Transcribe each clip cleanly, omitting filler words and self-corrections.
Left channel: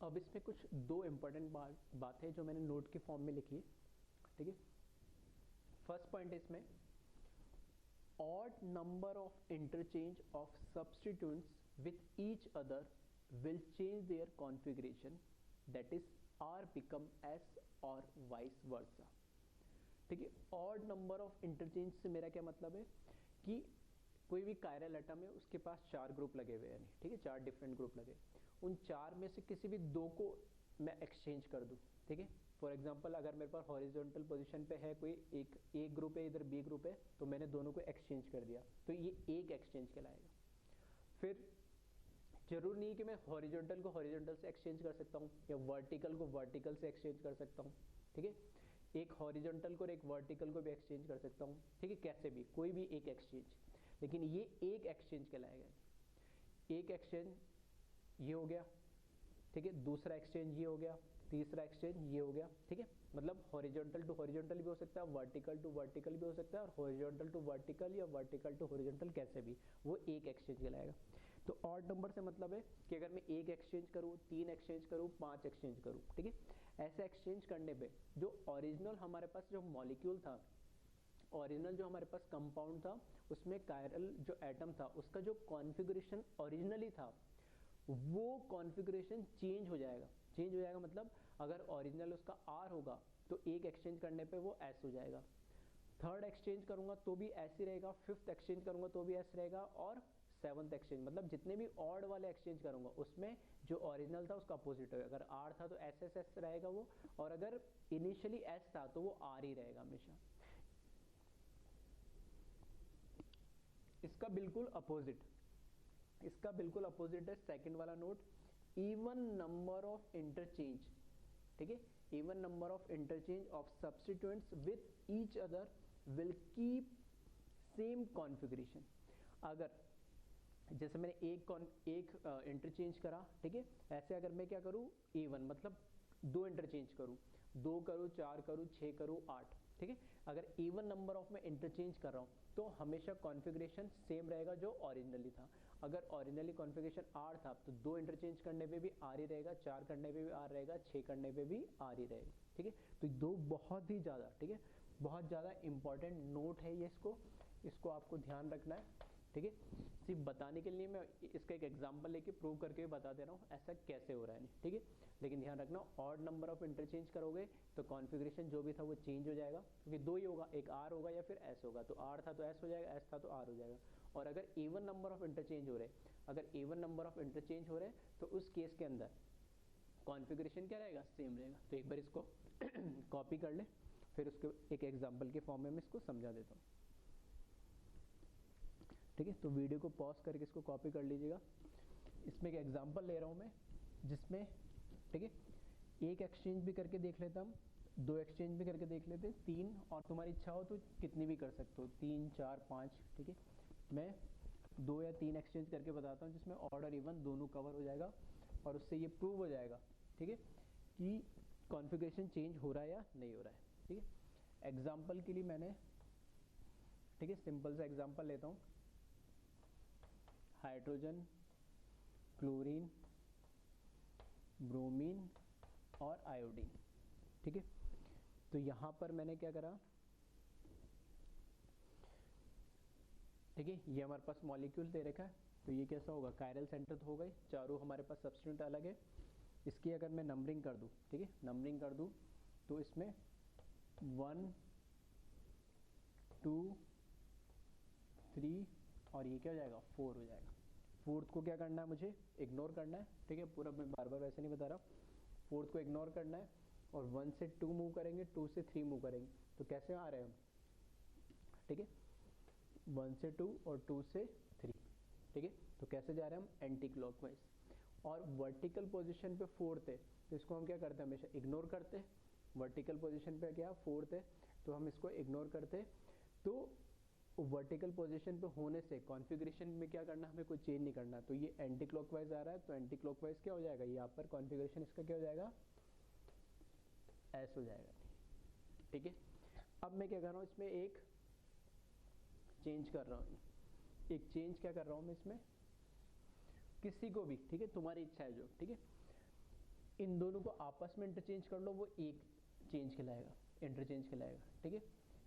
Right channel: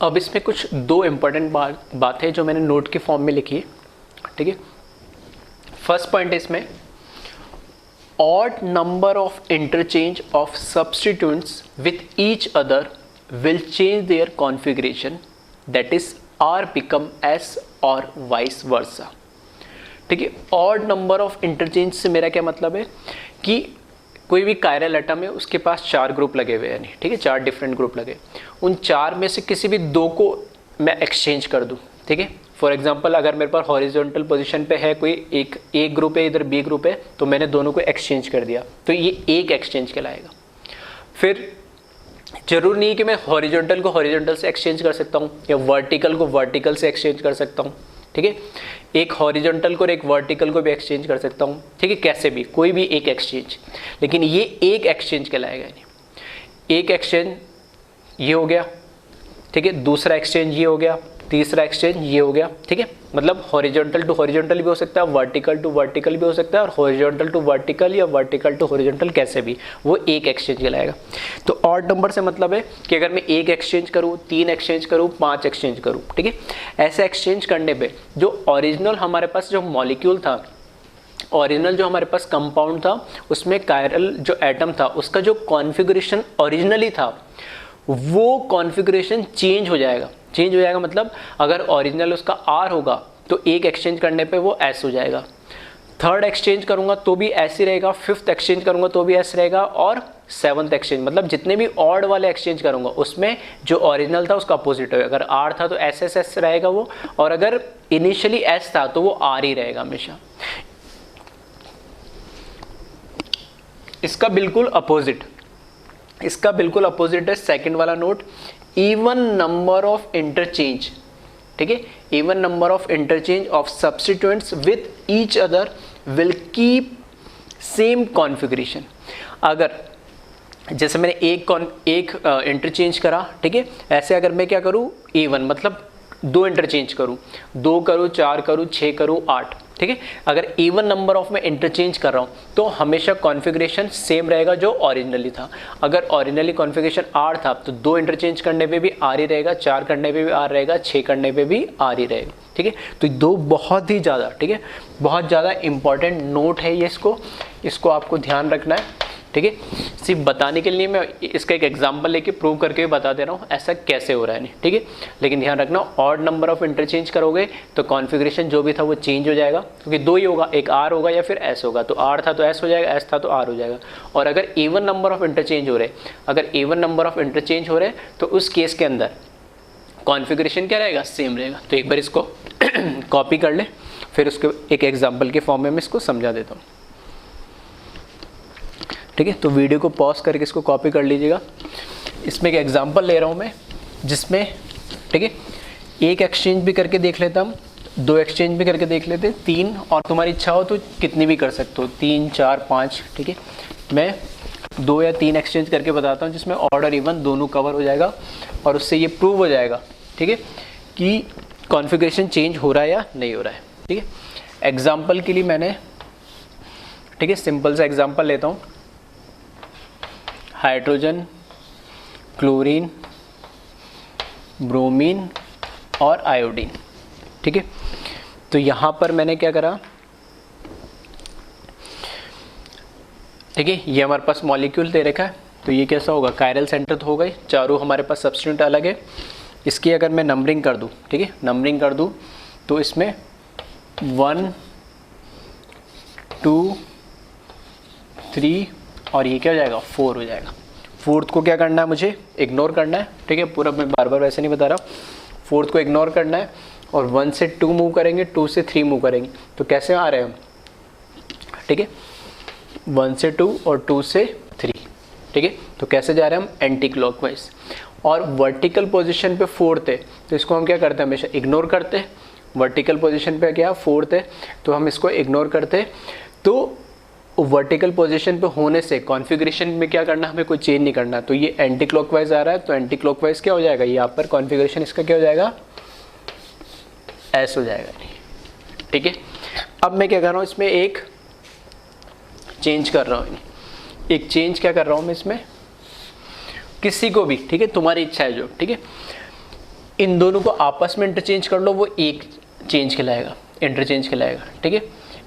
अब इसमें कुछ दो इम्पोर्टेंट बात है जो मैंने नोट के फॉर्म में लिखी है, ठीक है। फर्स्ट पॉइंट इसमें odd number of interchange of substituents with each other will change their configuration, that is R become S or vice versa, ठीक है। odd number of interchange से मेरा क्या मतलब है कि कोई भी कायरल एटम है उसके पास 4 ग्रुप लगे हुए हैं, ठीक है, 4 डिफरेंट ग्रुप लगे, उन 4 में से किसी भी 2 को मैं एक्सचेंज कर दूं, ठीक है। फॉर एग्जाम्पल अगर मेरे पास हॉरिजॉन्टल पोजीशन पे है कोई एक ग्रुप है, इधर बी ग्रुप है, तो मैंने दोनों को एक्सचेंज कर दिया, तो ये एक एक्सचेंज कहलाएगा। फिर जरूर नहीं कि मैं हॉरिजॉन्टल को हॉरिजॉन्टल से एक्सचेंज कर सकता हूँ या वर्टिकल को वर्टिकल से एक्सचेंज कर सकता हूँ, ठीक है। एक हॉरिजॉन्टल को और एक वर्टिकल को भी एक्सचेंज कर सकता हूँ, ठीक है, कैसे भी कोई भी एक एक्सचेंज, लेकिन ये एक एक्सचेंज कहलाएगा। एक एक्सचेंज ये हो गया, ठीक है, दूसरा एक्सचेंज ये हो गया, तीसरा एक्सचेंज ये हो गया, ठीक है। मतलब हॉरिजॉन्टल टू हॉरिजॉन्टल भी हो सकता है, वर्टिकल टू वर्टिकल भी हो सकता है, और हॉरिजॉन्टल टू वर्टिकल या वर्टिकल टू हॉरिजॉन्टल कैसे भी, वो एक एक्सचेंज कहलाएगा। तो ऑड नंबर से मतलब है कि अगर मैं एक एक्सचेंज करूँ, 3 एक्सचेंज करूँ, 5 एक्सचेंज करूँ, ठीक है, ऐसे एक्सचेंज करने पर जो ओरिजिनल हमारे पास जो मॉलिक्यूल था, ओरिजिनल जो हमारे पास कंपाउंड था, उसमें कायरल जो एटम था उसका जो कॉन्फ़िगरेशन ओरिजिनली था वो कॉन्फ़िगरेशन चेंज हो जाएगा। चेंज हो जाएगा मतलब अगर ओरिजिनल उसका R होगा तो एक एक्सचेंज करने पे वो S हो जाएगा, थर्ड एक्सचेंज करूंगा तो भी S ही रहेगा, फिफ्थ एक्सचेंज करूंगा तो भी S रहेगा, और सेवन्थ एक्सचेंज मतलब जितने भी ऑड वाले एक्सचेंज करूंगा उसमें जो ओरिजिनल था उसका अपोजिट होगा। अगर R था तो SSS रहेगा वो, और अगर इनिशियली S था तो वो R ही रहेगा हमेशा। इसका बिल्कुल अपोजिट है सेकंड वाला note, even number of interchange, ठीक है, even number of interchange of substituents with each other will keep same configuration. अगर जैसे मैंने एक इंटरचेंज करा, ठीक है, ऐसे अगर मैं क्या करूँ, इवन मतलब 2 इंटरचेंज करूँ, 2 करूँ, 4 करूँ, 6 करूँ, 8, ठीक है, अगर इवन नंबर ऑफ में इंटरचेंज कर रहा हूँ तो हमेशा कॉन्फ़िगरेशन सेम रहेगा जो ओरिजिनली था। अगर ओरिजिनली कॉन्फ़िगरेशन R था तो 2 इंटरचेंज करने पे भी R ही रहेगा, 4 करने पे भी R रहेगा, 6 करने पे भी R ही रहेगा, ठीक है। तो 2 बहुत ही ज़्यादा, ठीक है, बहुत ज़्यादा इंपॉर्टेंट नोट है ये, इसको आपको ध्यान रखना है, ठीक है। सिर्फ बताने के लिए मैं इसका एक एग्जांपल लेके प्रूव करके बता दे रहा हूँ ऐसा कैसे हो रहा है, नहीं, ठीक है। लेकिन ध्यान रखना ऑड नंबर ऑफ इंटरचेंज करोगे तो कॉन्फ़िगरेशन जो भी था वो चेंज हो जाएगा, क्योंकि 2 ही होगा, एक R होगा या फिर S होगा, तो R था तो S हो जाएगा, S था तो R हो जाएगा। और अगर इवन नंबर ऑफ इंटरचेंज हो रहे तो उस केस के अंदर कॉन्फ़िगरेशन क्या रहेगा, सेम रहेगा। तो एक बार इसको कॉपी कर ले, फिर उसके एक एग्जाम्पल के फॉर्म में मैं इसको समझा देता हूँ, ठीक है। तो वीडियो को पॉज करके इसको कॉपी कर लीजिएगा। इसमें एक एग्जांपल ले रहा हूँ मैं जिसमें, ठीक है, एक एक्सचेंज भी करके देख लेता हूँ, 2 एक्सचेंज भी करके देख लेते, 3, और तुम्हारी इच्छा हो तो कितनी भी कर सकते हो, 3, 4, 5, ठीक है। मैं 2 या 3 एक्सचेंज करके बताता हूँ जिसमें ऑड और इवन दोनों कवर हो जाएगा, और उससे ये प्रूव हो जाएगा, ठीक है, कि कॉन्फ़िगरेशन चेंज हो रहा है या नहीं हो रहा है, ठीक है। एग्जाम्पल के लिए मैंने, ठीक है, सिंपल सा एग्जाम्पल लेता हूँ, हाइड्रोजन, क्लोरीन, ब्रोमीन और आयोडीन, ठीक है। तो यहाँ पर मैंने क्या करा, ठीक है, ये हमारे पास मॉलिक्यूल दे रखा है, तो ये कैसा होगा, कायरल सेंटर तो हो गई, चारों हमारे पास सब्स्टिट्यूएंट अलग है। इसकी अगर मैं नंबरिंग कर दूँ, ठीक है, नंबरिंग कर दूँ तो इसमें 1, 2, 3 और ये क्या हो जाएगा, 4 हो जाएगा। फोर्थ को क्या करना है, मुझे इग्नोर करना है, ठीक है, पूरा मैं बार बार वैसे नहीं बता रहा, फोर्थ को इग्नोर करना है, और 1 से 2 मूव करेंगे, 2 से 3 मूव करेंगे, तो कैसे आ रहे हैं हम, ठीक है, 1 से 2 और 2 से 3, ठीक है। तो कैसे जा रहे हैं हम, एंटी क्लॉकवाइज, और वर्टिकल पोजीशन पे 4th है तो इसको हम क्या करते हैं, हमेशा इग्नोर करते हैं। वर्टिकल पोजीशन पे क्या 4th है तो हम इसको इग्नोर करते हैं। तो वर्टिकल पोजीशन पे होने से कॉन्फ़िगरेशन में क्या करना, हमें कोई चेंज नहीं करना। तो ये एंटी क्लॉकवाइज आ रहा है तो एंटी क्लॉकवाइज क्या हो जाएगा, यहाँ पर कॉन्फ़िगरेशन इसका क्या हो जाएगा, S हो जाएगा, ठीक है। अब मैं क्या कर रहा हूँ, इसमें एक चेंज कर रहा हूँ, एक चेंज क्या कर रहा हूँ मैं इसमें, किसी को भी, ठीक है, तुम्हारी इच्छा है जो, ठीक है, इन दोनों को आपस में इंटरचेंज कर लो, वो एक चेंज कहलाएगा, इंटरचेंज कहलाएगा, ठीक है।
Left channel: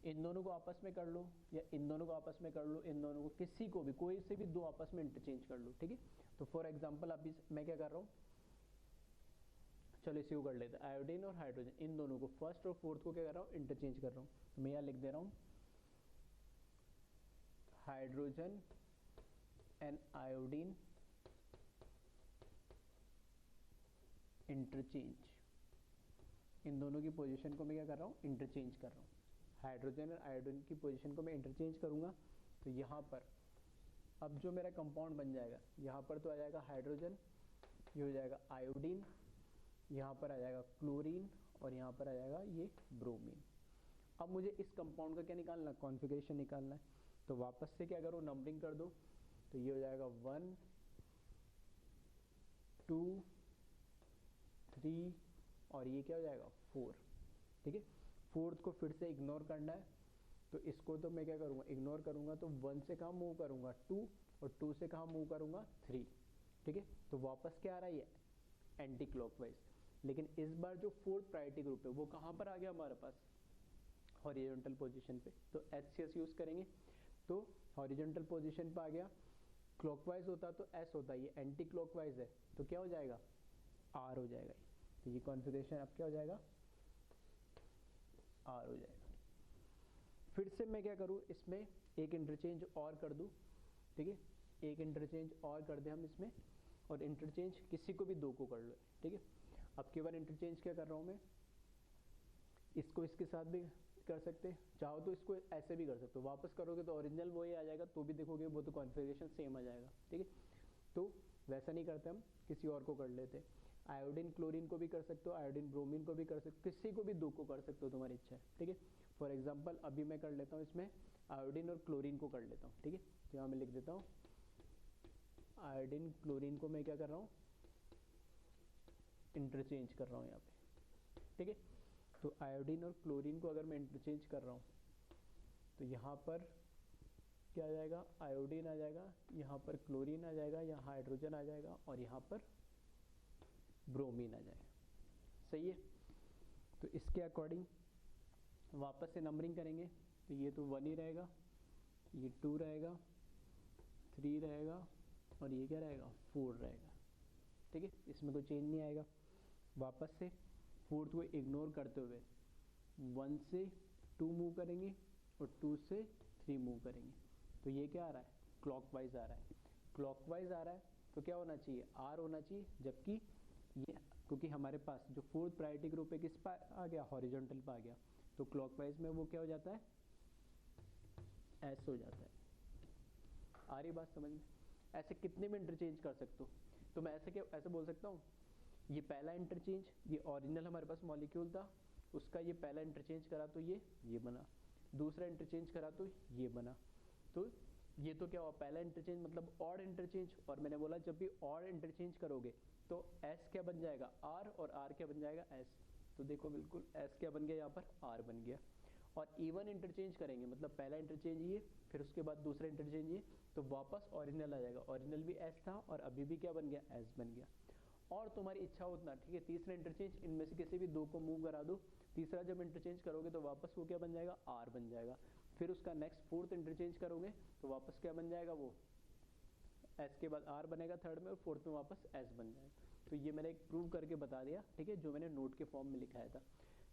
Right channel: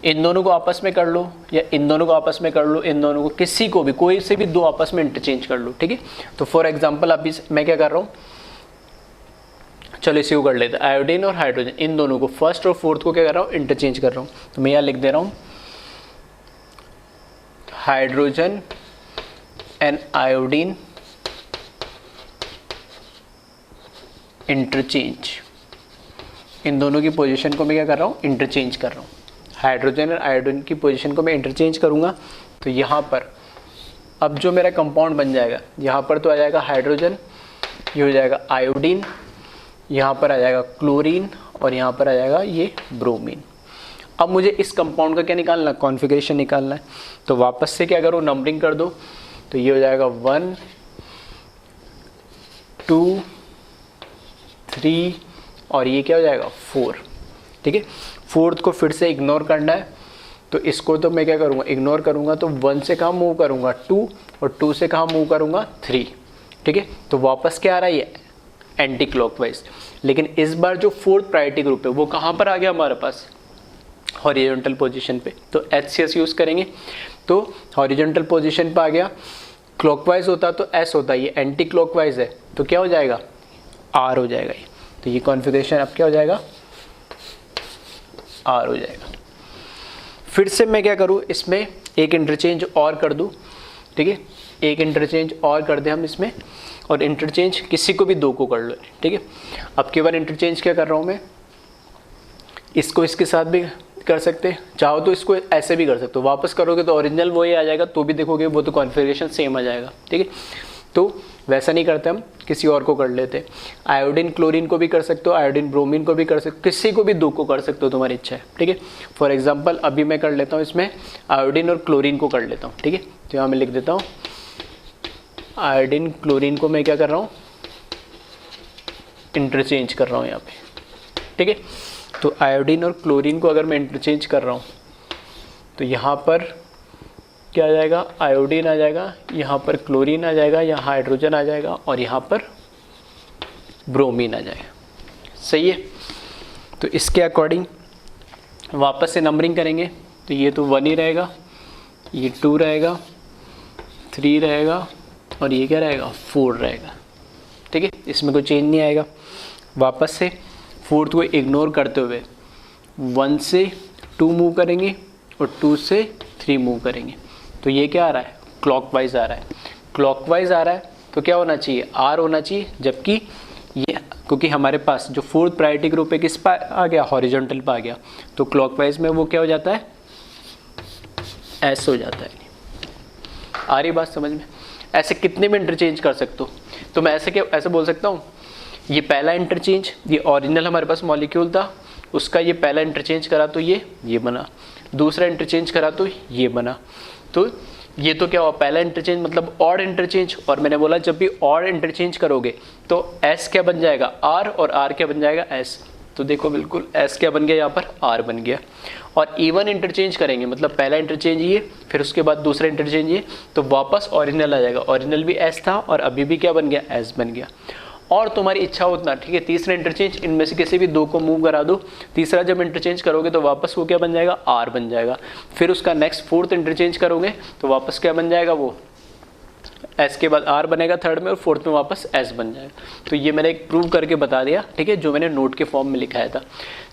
इन दोनों को आपस में कर लो या इन दोनों को आपस में कर लो, इन दोनों को किसी को भी, कोई से भी दो आपस में इंटरचेंज कर लो, ठीक है। तो फॉर एग्जांपल अभी मैं क्या कर रहा हूँ, चलो इसी को कर लेते हैं, आयोडीन और हाइड्रोजन, इन दोनों को फर्स्ट और फोर्थ को क्या कर रहा हूँ, इंटरचेंज कर रहा हूँ। तो मैं यहाँ लिख दे रहा हूँ हाइड्रोजन एंड आयोडीन इंटरचेंज, इन दोनों की पोजीशन को मैं क्या कर रहा हूँ, इंटरचेंज कर रहा हूँ। हाइड्रोजन और आयोडीन की पोजीशन को मैं इंटरचेंज करूँगा तो यहाँ पर अब जो मेरा कंपाउंड बन जाएगा, यहाँ पर तो आ जाएगा हाइड्रोजन, ये हो जाएगा आयोडीन, यहाँ पर आ जाएगा क्लोरीन और यहाँ पर आ जाएगा ये ब्रोमीन। अब मुझे इस कंपाउंड का क्या निकालना है, कॉन्फ़िगरेशन निकालना है। तो वापस से क्या करो, नंबरिंग कर दो, तो ये हो जाएगा 1 2 3 और ये क्या हो जाएगा 4, ठीक है। फोर्थ को फिर से इग्नोर करना है, तो इसको तो मैं क्या करूँगा, इग्नोर करूँगा, तो 1 से कहाँ मूव करूँगा 2 और 2 से कहाँ मूव करूँगा 3, ठीक है। तो वापस क्या आ रहा है, ये एंटी क्लॉकवाइज। लेकिन इस बार जो फोर्थ प्रायोरिटी ग्रुप है वो कहाँ पर आ गया हमारे पास, हॉरिजॉन्टल पोजीशन पे, तो HCS यूज़ करेंगे। तो हॉरिजॉन्टल पोजीशन पे आ गया, क्लॉकवाइज होता तो S होता, ये एंटी क्लॉकवाइज है तो क्या हो जाएगा, R हो जाएगा ये। तो ये कॉन्फ़िगरेशन अब क्या हो जाएगा, R हो जाएगा। फिर से मैं क्या करूँ, इसमें एक इंटरचेंज और कर दूँ, ठीक है, एक इंटरचेंज और कर दें हम इसमें, और इंटरचेंज किसी को भी दो को कर लो, ठीक है। अब की बार इंटरचेंज क्या कर रहा हूँ मैं, इसको इसके साथ भी कर सकते, चाहो तो इसको ऐसे भी कर सकते हो, वापस करोगे तो ओरिजिनल वही आ जाएगा, तो भी देखोगे वो तो कॉन्फ़िगरेशन सेम आ जाएगा, ठीक है। तो वैसा नहीं करते, हम किसी और को कर लेते। आयोडीन क्लोरीन को भी कर सकते हो, आयोडीन ब्रोमीन को भी कर सकते हो, किसी को भी दो को कर सकते हो, तुम्हारी इच्छा है, ठीक है। फॉर एग्जांपल अभी मैं कर लेता हूँ इसमें आयोडीन और क्लोरीन को कर लेता हूँ, ठीक है। तो यहाँ मैं लिख देता हूँ आयोडीन क्लोरीन को मैं क्या कर रहा हूँ, इंटरचेंज कर रहा हूँ यहाँ पे, ठीक है। तो आयोडीन और क्लोरीन को अगर मैं इंटरचेंज कर रहा हूँ तो यहाँ पर क्या आ जाएगा, आयोडीन आ जाएगा, यहाँ पर क्लोरीन आ जाएगा, यहाँ हाइड्रोजन आ जाएगा और यहाँ पर ब्रोमीन आ जाएगा, सही है। तो इसके अकॉर्डिंग वापस से नंबरिंग करेंगे, तो ये तो 1 ही रहेगा, ये 2 रहेगा, 3 रहेगा और ये क्या रहेगा 4 रहेगा, ठीक है। इसमें कोई चेंज नहीं आएगा। वापस से फोर्थ को इग्नोर करते हुए 1 से 2 मूव करेंगे और 2 से 3 मूव करेंगे, तो ये क्या आ रहा है, क्लॉकवाइज आ रहा है। क्लॉकवाइज आ रहा है तो क्या होना चाहिए, R होना चाहिए, जबकि ये क्योंकि हमारे पास जो फोर्थ प्रायोरिटी ग्रुप है किस पर आ गया, हॉरिजॉन्टल पर आ गया, तो क्लॉकवाइज में वो क्या हो जाता है, S हो जाता है। आ रही बात समझ में। ऐसे कितने भी इंटरचेंज कर सकते हो, तो मैं ऐसे बोल सकता हूँ, ये पहला इंटरचेंज, ये ओरिजिनल हमारे पास मॉलिक्यूल था, उसका ये पहला इंटरचेंज करा तो ये बना, दूसरा इंटरचेंज करा तो ये बना। तो ये तो क्या हुआ, पहला इंटरचेंज मतलब ऑड इंटरचेंज, और मैंने बोला जब भी ऑड इंटरचेंज करोगे तो S क्या बन जाएगा, R, और R क्या बन जाएगा, S। तो देखो बिल्कुल S क्या बन गया, यहाँ पर R बन गया। और इवन इंटरचेंज करेंगे, मतलब पहला इंटरचेंज ये, फिर उसके बाद दूसरा इंटरचेंज ये, तो वापस ओरिजिनल आ जाएगा। ओरिजिनल भी S था और अभी भी क्या बन गया, S बन गया। और तुम्हारी इच्छा उतना, ठीक है, तीसरा इंटरचेंज इनमें से किसी भी दो को मूव करा दो, तीसरा जब इंटरचेंज करोगे तो वापस वो क्या बन जाएगा, R बन जाएगा। फिर उसका नेक्स्ट फोर्थ इंटरचेंज करोगे तो वापस क्या बन जाएगा, वो S के बाद R बनेगा थर्ड में, और फोर्थ में वापस S बन जाएगा। तो ये मैंने एक प्रूव करके बता दिया, ठीक है, जो मैंने नोट के फॉर्म में लिखाया था।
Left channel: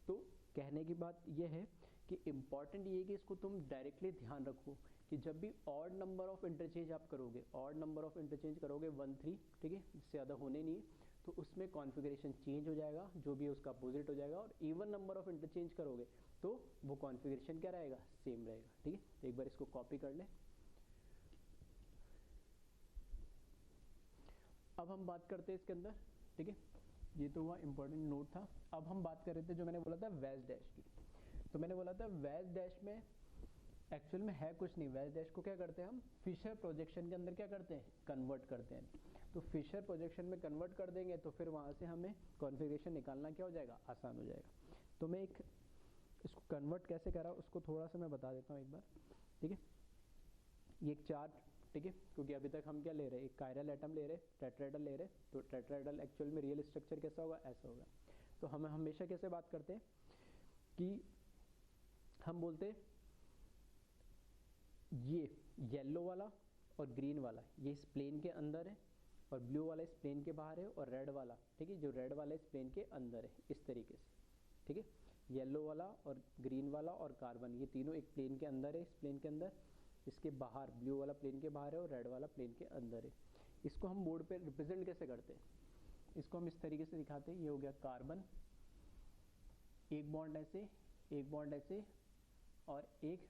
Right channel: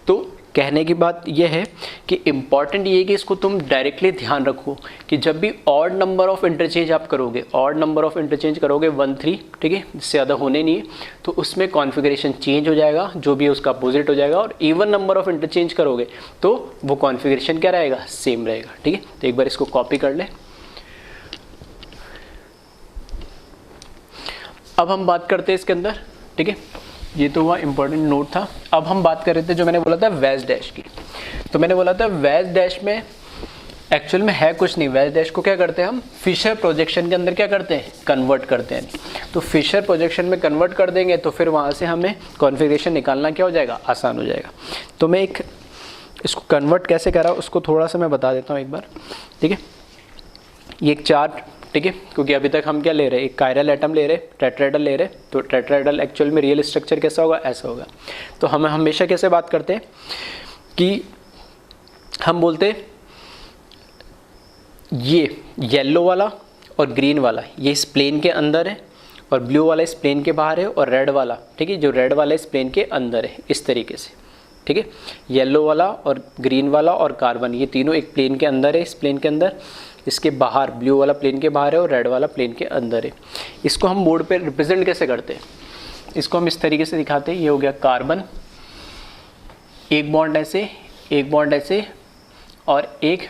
तो कहने की बात यह है कि इम्पॉर्टेंट ये है कि इसको तुम डायरेक्टली ध्यान रखो कि जब भी ऑड नंबर ऑफ इंटरचेंज आप करोगे, ऑड नंबर ऑफ इंटरचेंज करोगे 1 3, ठीक है, इससे ज़्यादा होने नहीं है, तो उसमें कॉन्फ़िगरेशन चेंज हो जाएगा, जो भी है उसका अपोजिट हो जाएगा। और इवन नंबर ऑफ इंटरचेंज करोगे तो वो कॉन्फ़िगरेशन क्या रहेगा, सेम रहेगा, ठीक है। तो एक बार इसको कॉपी कर ले। अब हम बात करते हैं इसके अंदर, ठीक है, ये तो हुआ इंपॉर्टेंट नोट था। अब हम बात कर रहे थे जो मैंने बोला था वैज डैश की। तो मैंने बोला था वैज डैश में एक्चुअल में है कुछ नहीं, वैज डैश को क्या करते हैं हम, फिशर प्रोजेक्शन के अंदर क्या करते हैं, कन्वर्ट करते हैं। तो फिशर प्रोजेक्शन में कन्वर्ट कर देंगे तो फिर वहाँ से हमें कॉन्फ़िगरेशन निकालना क्या हो जाएगा, आसान हो जाएगा। तो मैं एक इसको कन्वर्ट कैसे करा उसको थोड़ा सा मैं बता देता हूँ एक बार, ठीक है। ये एक चार्ट ठीक है, क्योंकि अभी तक हम क्या ले रहे हैं, एक कायरल एटम ले रहे हैं, टेट्राहेड्रल ले रहे हैं, तो टेट्राहेड्रल एक्चुअल में रियल स्ट्रक्चर कैसा होगा, ऐसा होगा। तो हम हमेशा कैसे बात करते हैं कि हम बोलते हैं ये येलो वाला और ग्रीन वाला ये इस प्लेन के अंदर है और ब्लू वाला इस प्लेन के बाहर है और रेड वाला, ठीक है, जो रेड वाला इस प्लेन के अंदर है, इस तरीके से, ठीक है। येलो वाला और ग्रीन वाला और कार्बन ये तीनों एक प्लेन के अंदर है, इस प्लेन के अंदर, इसके बाहर ब्लू वाला प्लेन के बाहर है और रेड वाला प्लेन के अंदर है। इसको हम बोर्ड पे रिप्रेजेंट कैसे करते हैं, इसको हम इस तरीके से दिखाते हैं। ये हो गया कार्बन, एक बॉन्ड ऐसे, एक बॉन्ड ऐसे और एक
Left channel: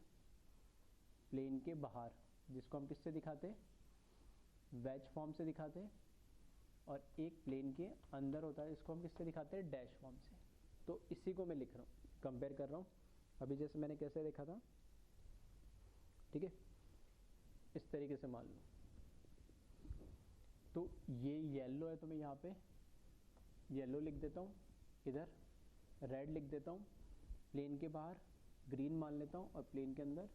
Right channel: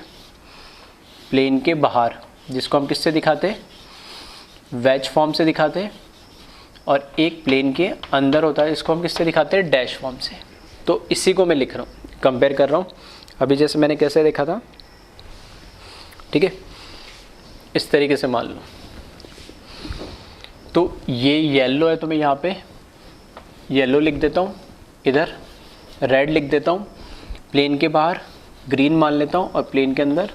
प्लेन के बाहर, जिसको हम किससे दिखाते हैं, वेज फॉर्म से दिखाते हैं, और एक प्लेन के अंदर होता है, इसको हम किससे दिखाते हैं, डैश फॉर्म से। तो इसी को मैं लिख रहा हूँ, कंपेयर कर रहा हूँ। अभी जैसे मैंने कैसे देखा था, ठीक है, इस तरीके से मान लो, तो ये येलो है तो मैं यहाँ पे येलो लिख देता हूँ, इधर रेड लिख देता हूँ, प्लेन के बाहर ग्रीन मान लेता हूँ और प्लेन के अंदर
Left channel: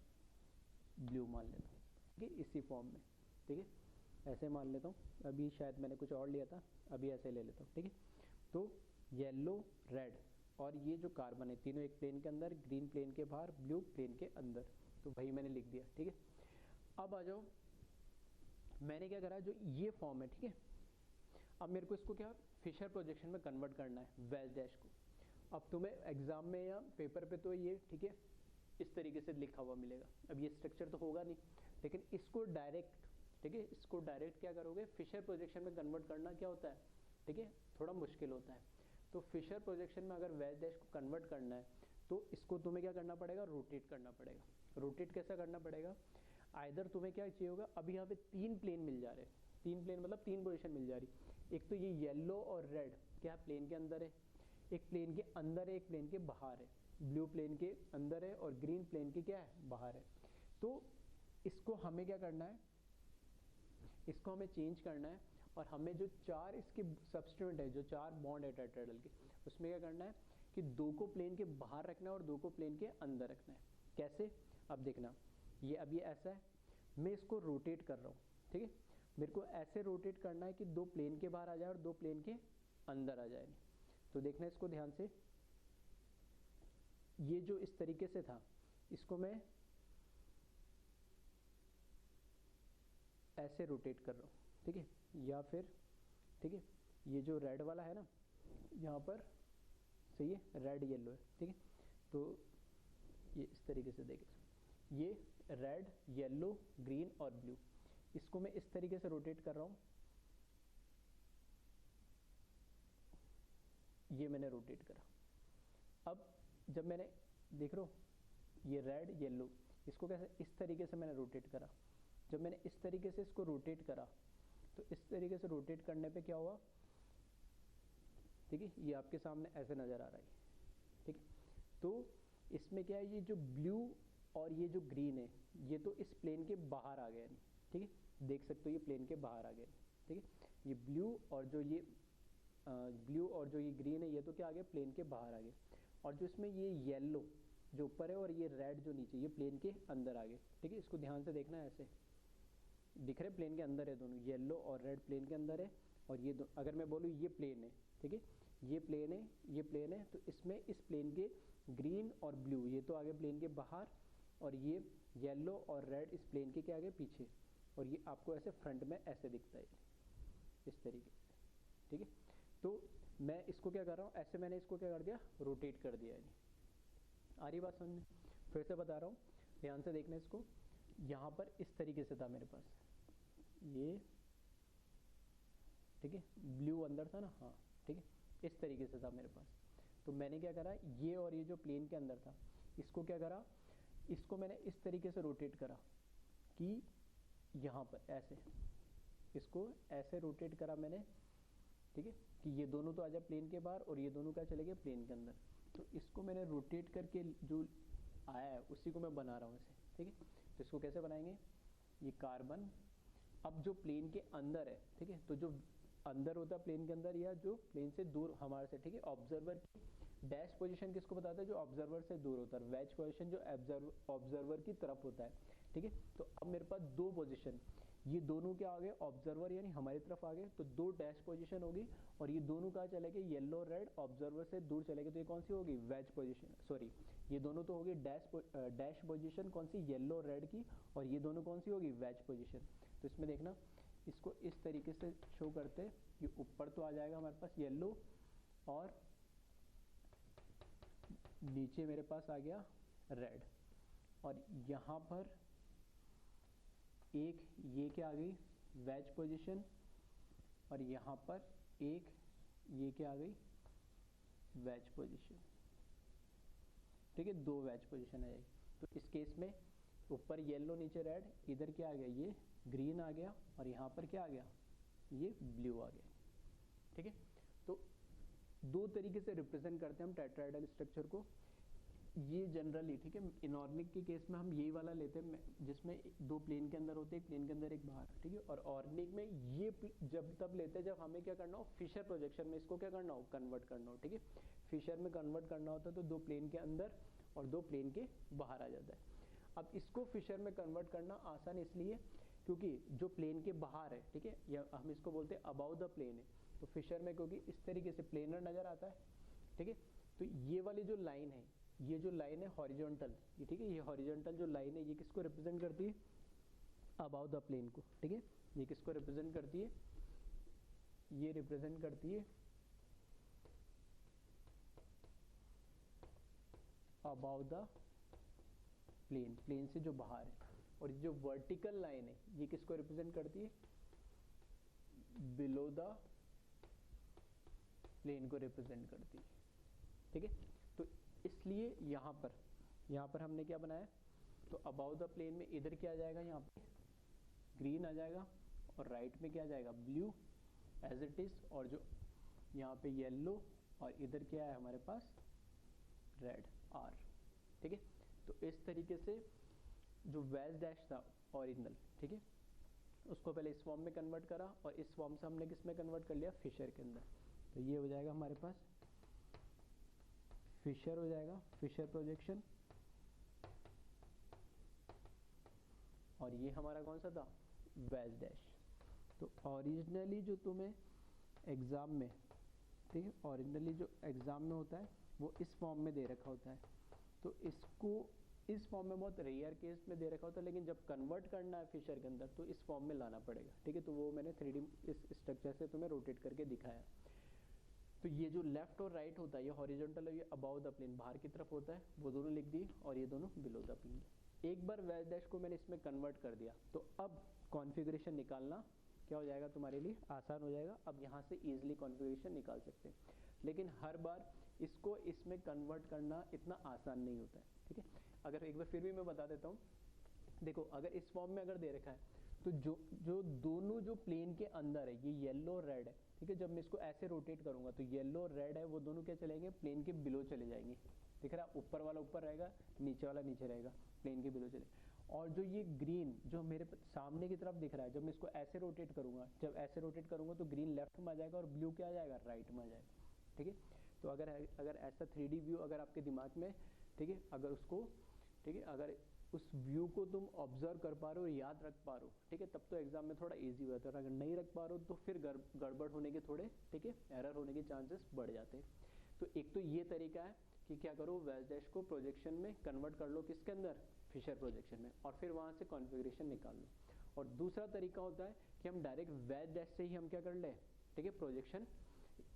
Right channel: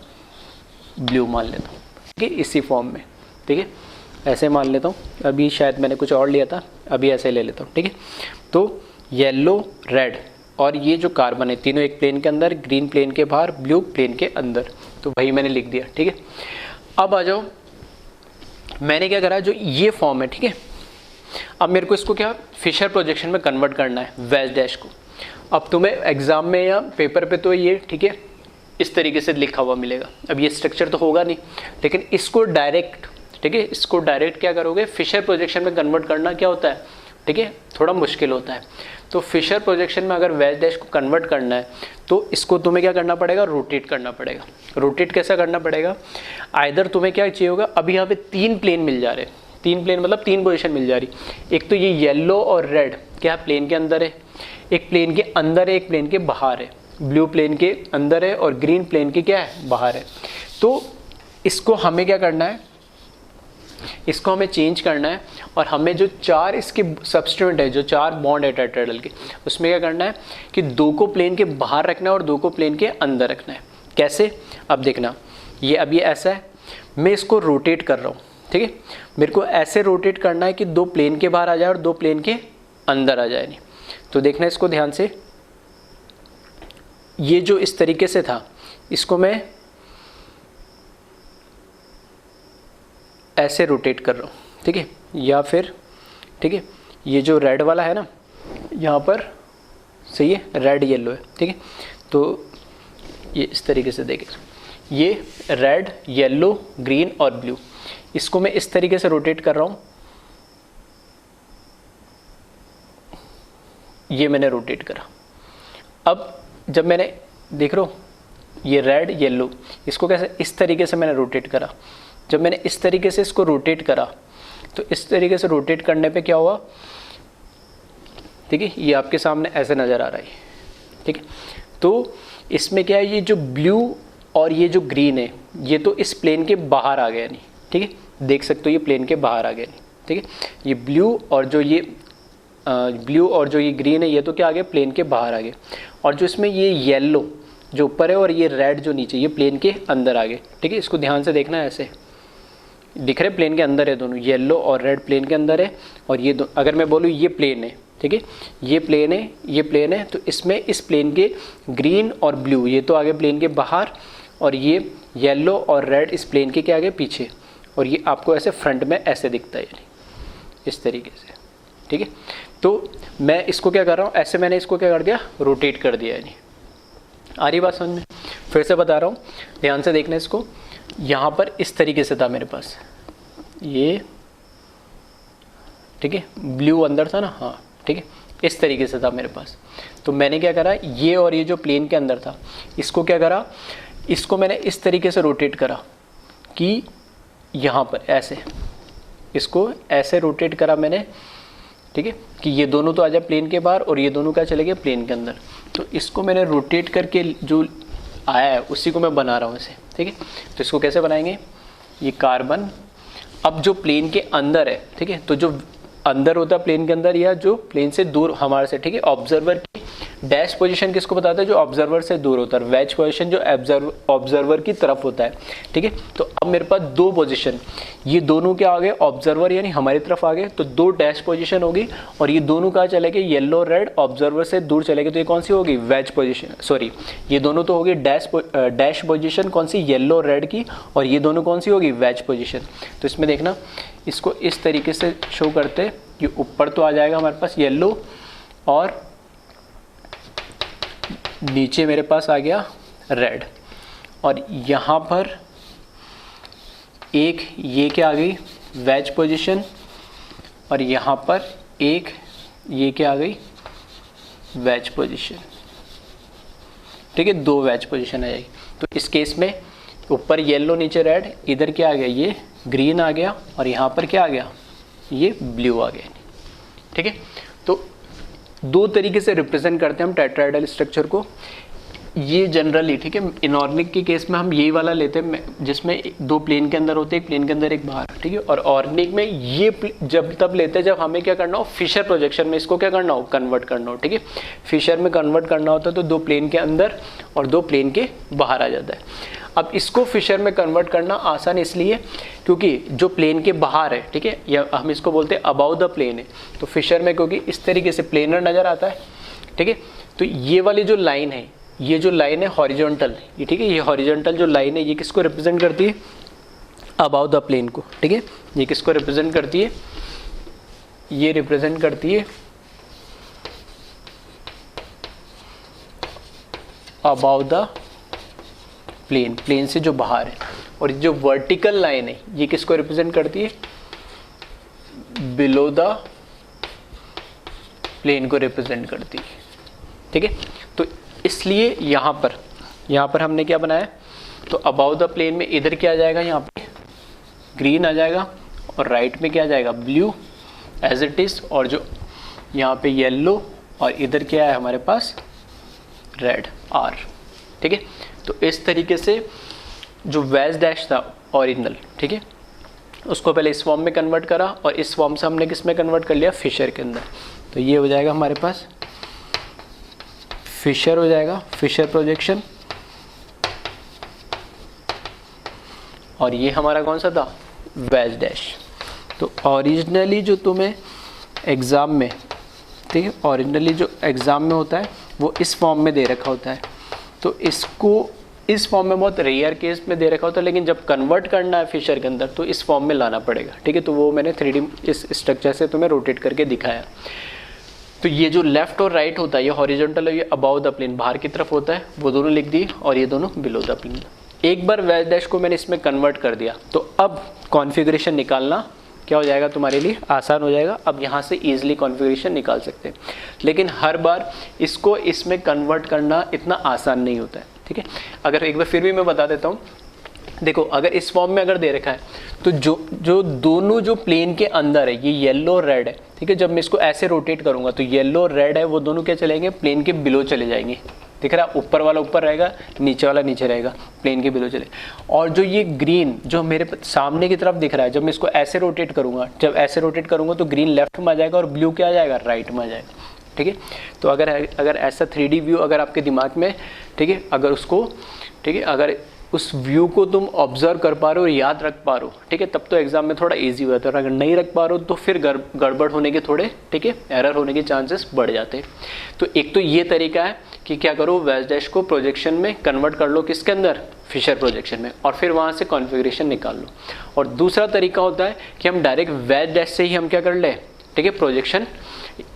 ब्लू मान लेता हूँ, ठीक है, इसी फॉर्म में, ठीक है, ऐसे मान लेता हूँ। अभी शायद मैंने कुछ और लिया था, अभी ऐसे ले लेता हूँ, ठीक है। तो येलो, रेड और ये जो कार्बन है तीनों एक प्लेन के अंदर, ग्रीन प्लेन के बाहर, ब्लू प्लेन के अंदर, तो वही मैंने लिख दिया, ठीक है। अब आ जाओ, मैंने क्या करा, जो ये फॉर्म है, ठीक है, अब मेरे को इसको क्या फिशर प्रोजेक्शन में कन्वर्ट करना है, वेज डैश को। अब तुम्हें एग्जाम में या पेपर पे तो ये, ठीक है, इस तरीके से लिखा हुआ मिलेगा। अब ये स्ट्रक्चर तो होगा नहीं, लेकिन इसको डायरेक्ट, ठीक है, इसको डायरेक्ट क्या करोगे, फिशर प्रोजेक्शन में कन्वर्ट करना क्या होता है, ठीक है, थोड़ा मुश्किल होता है। तो फिशर प्रोजेक्शन में अगर वेज डैश को कन्वर्ट करना है तो इसको तुम्हें क्या करना पड़ेगा, रोटेट करना पड़ेगा। रोटेट कैसा करना पड़ेगा, आइदर तुम्हें क्या चाहिए होगा, अभी यहाँ पे 3 प्लेन मिल जा रहे हैं, 3 प्लेन मतलब 3 पोजीशन मिल जा रही। एक तो ये येलो और रेड क्या प्लेन के अंदर है, एक प्लेन के अंदर है, एक प्लेन के बाहर है, ब्लू प्लेन के अंदर है और ग्रीन प्लेन के क्या है, बाहर है। तो इसको हमें क्या करना है, इसको हमें चेंज करना है और हमें जो 4 इसके सब्स्टिट्यूएंट है, जो 4 बॉन्ड है टेट्राहेड्रल के, उसमें क्या करना है कि 2 को प्लेन के बाहर रखना है और 2 को प्लेन के अंदर रखना है। कैसे, अब देखना, ये अब ये ऐसा है, मैं इसको रोटेट कर रहा हूँ, ठीक है, मेरे को ऐसे रोटेट करना है कि 2 प्लेन के बाहर आ जाए और 2 प्लेन के अंदर आ जाए। नहीं तो देखना इसको ध्यान से, ये जो इस तरीके से था, इसको मैं ऐसे रोटेट कर रहा हूँ, ठीक है, या फिर, ठीक है, ये जो रेड वाला है ना, यहाँ पर सही है, रेड येलो है, ठीक है, तो ये इस तरीके से देखें, ये रेड, येलो, ग्रीन और ब्लू, इसको मैं इस तरीके से रोटेट कर रहा हूँ, ये मैंने रोटेट करा। अब जब मैंने देख रहा हूँ ये रेड येलो, इसको कैसे, इस तरीके से मैंने रोटेट करा। जब मैंने इस तरीके से इसको रोटेट करा तो इस तरीके से रोटेट करने पे क्या हुआ, ठीक है, ये आपके सामने ऐसे नज़र आ रहा है, ठीक है। तो इसमें क्या है, ये जो ब्लू और ये जो ग्रीन है ये तो इस प्लेन के बाहर आ गया नहीं, ठीक है, देख सकते हो ये प्लेन के बाहर आ गया नहीं, ठीक है। ये ब्लू और जो ये ग्रीन है ये तो क्या आ गया, प्लेन के बाहर आ गए। और जो इसमें ये येलो जो ऊपर है और ये रेड जो नीचे, ये प्लेन के अंदर आ गए, ठीक है। इसको ध्यान से देखना है, ऐसे दिख रहे प्लेन के अंदर है दोनों, येलो और रेड प्लेन के अंदर है। और ये अगर मैं बोलूँ ये प्लेन है, ठीक है, ये प्लेन है, ये प्लेन है, तो इसमें इस प्लेन के ग्रीन और ब्लू ये तो आगे प्लेन के बाहर, और ये येलो और रेड इस प्लेन के क्या आगे पीछे, और ये आपको ऐसे फ्रंट में ऐसे दिखता है, यानी इस तरीके से, ठीक है। तो मैं इसको क्या कर रहा हूँ, ऐसे मैंने इसको क्या कर दिया, रोटेट कर दिया, यानी आ रही बात समझ में। फिर से बता रहा हूँ, ध्यान से देखना इसको, यहाँ पर इस तरीके से था मेरे पास ये, ठीक है, ब्लू अंदर था ना, हाँ, ठीक है, इस तरीके से था मेरे पास। तो मैंने क्या करा, ये और ये जो प्लेन के अंदर था इसको क्या करा, इसको मैंने इस तरीके से रोटेट करा कि यहाँ पर ऐसे, इसको ऐसे रोटेट करा मैंने, ठीक है, कि ये दोनों तो आ जाए प्लेन के बाहर और ये दोनों क्या चले गए प्लेन के अंदर। तो इसको मैंने रोटेट करके जो आया है उसी को मैं बना रहा हूँ इसे, ठीक है। तो इसको कैसे बनाएंगे, ये कार्बन, अब जो प्लेन के अंदर है, ठीक है, तो जो अंदर होता है प्लेन के अंदर या जो प्लेन से दूर हमारे से, ठीक है, ऑब्जर्वर की डैश पोजीशन किसको बताता है? जो ऑब्जर्वर से दूर होता है। वेज पोजीशन जो ऑब्जर्वर की तरफ होता है, ठीक है। तो अब मेरे पास दो पोजीशन, ये दोनों क्या आ गए? ऑब्जर्वर यानी हमारी तरफ आ गए, तो दो डैश पोजीशन होगी, और ये दोनों कहाँ चले गए? येलो रेड ऑब्जर्वर से दूर चले गए, तो ये कौन सी होगी? वेज पोजीशन, सॉरी ये दोनों तो होगी डैश पोजीशन, कौन सी? येलो रेड की, और ये दोनों कौन सी होगी? Wedge position. तो इसमें देखना, इसको इस तरीके से शो करते, ये ऊपर तो आ जाएगा हमारे पास येलो, और नीचे मेरे पास आ गया रेड, और यहाँ पर एक ये क्या आ गई? वेज पोजीशन, और यहाँ पर एक ये क्या आ गई? वेज पोजीशन, ठीक है। दो वेज पोजीशन आ जाएगी। तो इस केस में ऊपर येलो नीचे रेड, इधर क्या आ गया? ये ग्रीन आ गया, और यहाँ पर क्या आ गया? ये ब्लू आ गया, ठीक है। तो दो तरीके से रिप्रेजेंट करते हैं हम टेट्राहेड्रल स्ट्रक्चर को, ये जनरली, ठीक है। इनऑर्गेनिक के केस में हम यही वाला लेते हैं जिसमें दो प्लेन के अंदर होते हैं, एक प्लेन के अंदर एक बाहर, ठीक है। और ऑर्गेनिक में ये जब तब लेते हैं जब हमें क्या करना हो? फिशर प्रोजेक्शन में इसको क्या करना हो? कन्वर्ट करना हो, ठीक है। फिशर में कन्वर्ट करना होता है तो दो प्लेन के अंदर और दो प्लेन के बाहर आ जाता है। अब इसको फिशर में कन्वर्ट करना आसान इसलिए क्योंकि जो प्लेन के बाहर है, ठीक है, या हम इसको बोलते हैं अबाउ द प्लेन है, तो फिशर में क्योंकि इस तरीके से प्लेनर नज़र आता है, ठीक है। तो ये वाली जो लाइन है, ये जो लाइन है हॉरिजॉन्टल, ये ठीक है, ये हॉरिजॉन्टल जो लाइन है ये किसको रिप्रेजेंट करती है? अबाउ द प्लेन को, ठीक है। ये किसको रिप्रेजेंट करती है? ये रिप्रेजेंट करती है अबाउ द प्लेन, प्लेन से जो बाहर है। और जो वर्टिकल लाइन है ये किसको रिप्रेजेंट करती है? बिलो द प्लेन को रिप्रेजेंट करती है, ठीक है। तो इसलिए यहाँ पर हमने क्या बनाया? तो अबाउ द प्लेन में इधर क्या आ जाएगा? यहाँ पे ग्रीन आ जाएगा, और राइट में क्या आ जाएगा? ब्लू एज इट इज, और जो यहाँ पे येलो, और इधर क्या है हमारे पास? रेड आर, ठीक है। तो इस तरीके से जो वेज डैश था ओरिजिनल, ठीक है, उसको पहले इस फॉर्म में कन्वर्ट करा, और इस फॉर्म से हमने किस में कन्वर्ट कर लिया? फिशर के अंदर। तो ये हो जाएगा हमारे पास फिशर हो जाएगा, फिशर प्रोजेक्शन, और ये हमारा कौन सा था? Veg dash. तो ओरिजिनली जो तुम्हें एग्ज़ाम में, ठीक है, ओरिजिनली जो एग्ज़ाम में होता है वो इस फॉर्म में दे रखा होता है, तो इसको इस फॉर्म में बहुत रेयर केस में दे रखा होता है, लेकिन जब कन्वर्ट करना है फिशर के अंदर तो इस फॉर्म में लाना पड़ेगा, ठीक है। तो वो मैंने 3D इस स्ट्रक्चर से तुम्हें रोटेट करके दिखाया। तो ये जो लेफ्ट और राइट होता है, ये हॉरिजॉन्टल है, ये अबाउ द प्लेन बाहर की तरफ होता है, वो दोनों लिख दिए, और ये दोनों बिलो द प्लेन। एक बार वेज डैश को मैंने इसमें कन्वर्ट कर दिया, तो अब कॉन्फ़िगरेशन निकालना क्या हो जाएगा? तुम्हारे लिए आसान हो जाएगा। अब यहाँ से ईजिली कॉन्फ़िगरेशन निकाल सकते हैं, लेकिन हर बार इसको इसमें कन्वर्ट करना इतना आसान नहीं होता है, ठीक है। अगर एक बार फिर भी मैं बता देता हूँ, देखो अगर इस फॉर्म में अगर दे रखा है तो जो दोनों जो प्लेन के अंदर है, ये येलो और रेड है, ठीक है। जब मैं इसको ऐसे रोटेट करूंगा तो येलो और रेड है वो दोनों क्या चलेंगे? प्लेन के बिलो चले जाएंगे, दिख रहा है? ऊपर वाला ऊपर रहेगा, नीचे वाला नीचे रहेगा, प्लेन के बिलो चले। और जो ये ग्रीन जो मेरे सामने की तरफ दिख रहा है, जब मैं इसको ऐसे रोटेट करूंगा, जब ऐसे रोटेट करूंगा तो ग्रीन लेफ्ट में आ जाएगा और ब्लू क्या आ जाएगा? राइट में आ जाएगा, ठीक है। तो अगर ऐसा 3D व्यू अगर आपके दिमाग में, ठीक है, अगर उसको, ठीक है, अगर उस व्यू को तुम ऑब्जर्व कर पा रहे हो और याद रख पा रहे हो, ठीक है, तब तो एग्जाम में थोड़ा इजी होता है। और अगर नहीं रख पा रहे हो तो फिर गड़बड़ होने के थोड़े, ठीक है, एरर होने के चांसेस बढ़ जाते हैं। तो एक तो ये तरीका है कि क्या करो, वेज डैश को प्रोजेक्शन में कन्वर्ट कर लो, किसके अंदर? फिशर प्रोजेक्शन में, और फिर वहाँ से कॉन्फ़िगरेशन निकाल लो। और दूसरा तरीका होता है कि हम डायरेक्ट वेज डैश से ही हम क्या कर ले, ठीक है, प्रोजेक्शन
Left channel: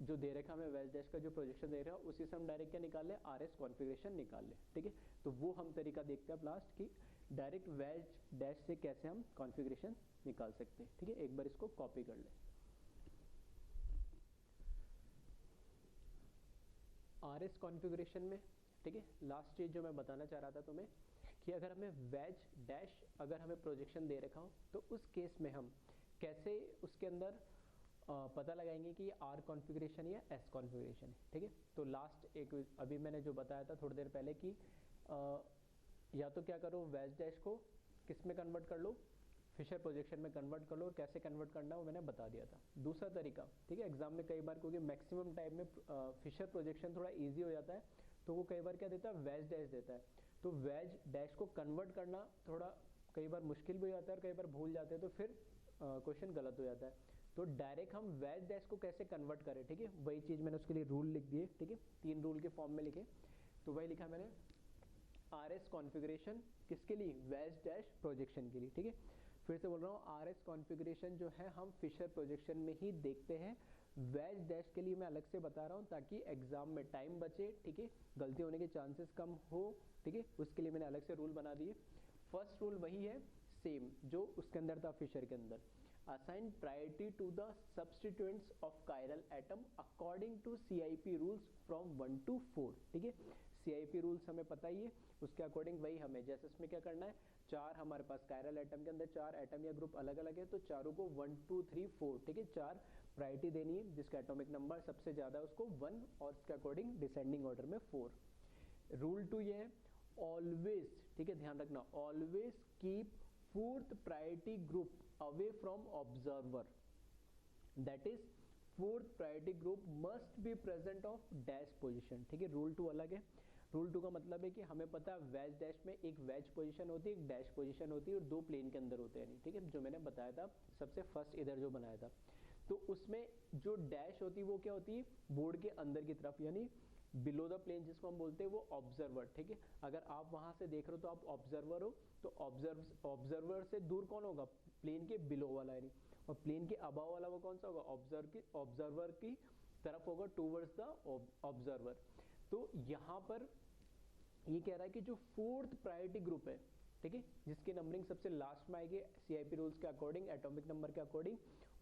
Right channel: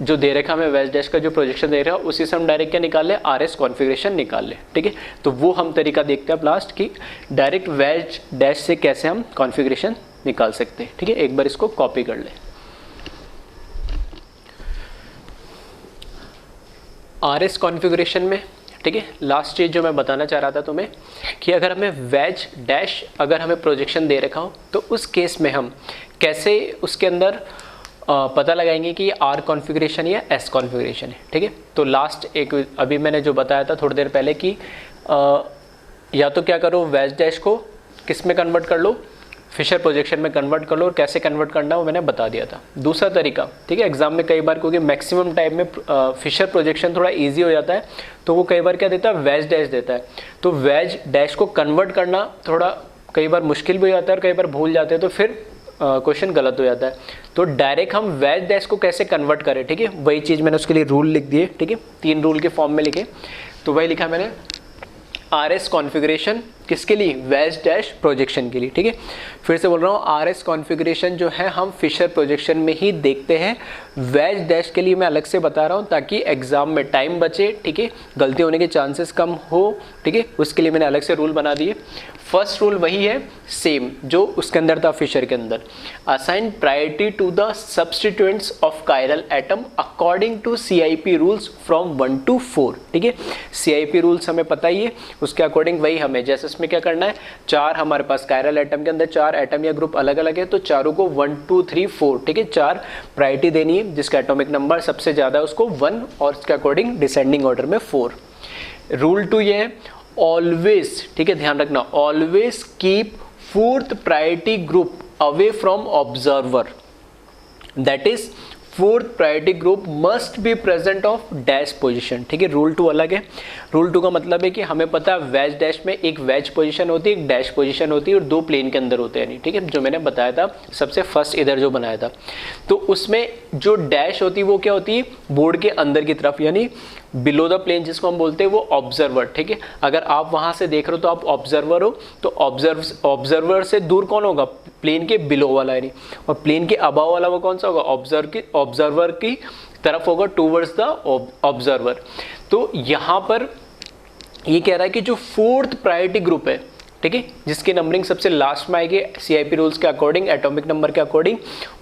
जो दे रखा हमें वेज डैश का जो प्रोजेक्शन दे रहा है उसी से हम डायरेक्ट क्या निकाल ले? RS कॉन्फ़िगरेशन निकाल ले, ठीक है। तो वो हम तरीका देखते हैं लास्ट कि डायरेक्ट वेज डैश से कैसे हम कॉन्फ़िगरेशन निकाल सकते हैं, ठीक है। एक बार इसको कॉपी कर ले। RS कॉन्फ़िगरेशन में, ठीक है, लास्ट चीज़ जो मैं बताना चाह रहा था तुम्हें कि अगर हमें वेज डैश अगर हमें प्रोजेक्शन दे रखा हो तो उस केस में हम कैसे उसके अंदर पता लगाएंगे कि ये R कॉन्फ़िगरेशन या S कॉन्फ़िगरेशन है, ठीक है। तो लास्ट एक अभी मैंने जो बताया था थोड़ी देर पहले कि या तो क्या करो, वेज डैश को किस में कन्वर्ट कर लो? फिशर प्रोजेक्शन में कन्वर्ट कर लो, और कैसे कन्वर्ट करना वो मैंने बता दिया था। दूसरा तरीका, ठीक है, एग्जाम में कई बार क्योंकि मैक्सिमम टाइम में फिशर प्रोजेक्शन थोड़ा इजी हो जाता है, तो वो कई बार क्या देता है, वेज डैश देता है। तो वेज डैश को कन्वर्ट करना थोड़ा कई बार मुश्किल भी हो जाता है और कई बार भूल जाते हैं, तो फिर क्वेश्चन गलत हो जाता है। तो डायरेक्ट हम वेज डैश को कैसे कन्वर्ट करें, ठीक है, वही चीज़ मैंने उसके लिए रूल लिख दिए, ठीक है, 3 रूल के फॉर्म में लिखे। तो वही लिखा मैंने, RS कॉन्फ़िगरेशन किसके लिए, वेज डैश प्रोजेक्शन के लिए, ठीक है। फिर से बोल रहा हूँ, RS कॉन्फ़िगरेशन जो है हम फिशर प्रोजेक्शन में ही देखते हैं, वेज डैश के लिए मैं अलग से बता रहा हूँ ताकि एग्जाम में टाइम बचे, ठीक है, गलती होने के चांसेस कम हो, ठीक है, उसके लिए मैंने अलग से रूल बना दिए। फर्स्ट रूल वही है सेम जो उसके अंदर था फिशर के अंदर, assign priority to the substituents of chiral atom according to CIP rules from 1 to 4, ठीक है। CIP रूल्स हमें पता ही है, उसके अकॉर्डिंग वही हमें, जैसे इसमें क्या करना है, 4 हमारे पास कायरल एटम के अंदर 4 एटम या ग्रुप अलग अलग है, तो चारों को 1 2 3 4, ठीक है, 4 प्रायोरिटी देनी है, जिसका एटॉमिक नंबर सबसे ज़्यादा है उसको 1 और उसके अकॉर्डिंग डिसेंडिंग ऑर्डर में 4। रूल 2 ये है, ऑलवेज, ठीक है, ध्यान रखना, always keep 4th priority group away from observer, that is 4th priority group must be present of dash position, ठीक है। रूल 2 अलग है। रूल 2 का मतलब है कि हमें पता है वेज डैश में एक वेज पोजीशन होती है, एक डैश पोजीशन होती है और 2 प्लेन के अंदर होते हैं, नहीं, ठीक है, जो मैंने बताया था सबसे फर्स्ट इधर जो बनाया था। तो उसमें जो डैश होती है वो क्या होती है, बोर्ड के अंदर की तरफ, यानी बिलो द प्लेन जिसको हम बोलते हैं वो ऑब्जर्वर, ठीक है। अगर आप वहां से देख रहे हो तो आप ऑब्जर्वर हो, तो ऑब्जर्वर से दूर कौन होगा, प्लेन के बिलो वाला, यानी, और प्लेन के अबाव वाला वो कौन सा होगा, ऑब्जर्वर की तरफ होगा, टूवर्ड्स द ऑब्जर्वर। तो यहाँ पर ये कह रहा है कि जो 4th प्रायोरिटी ग्रुप है, ठीक है, जिसकी नंबरिंग सबसे लास्ट में आएगी CIP रूल्स के अकॉर्डिंग, एटॉमिक नंबर के अकॉर्डिंग,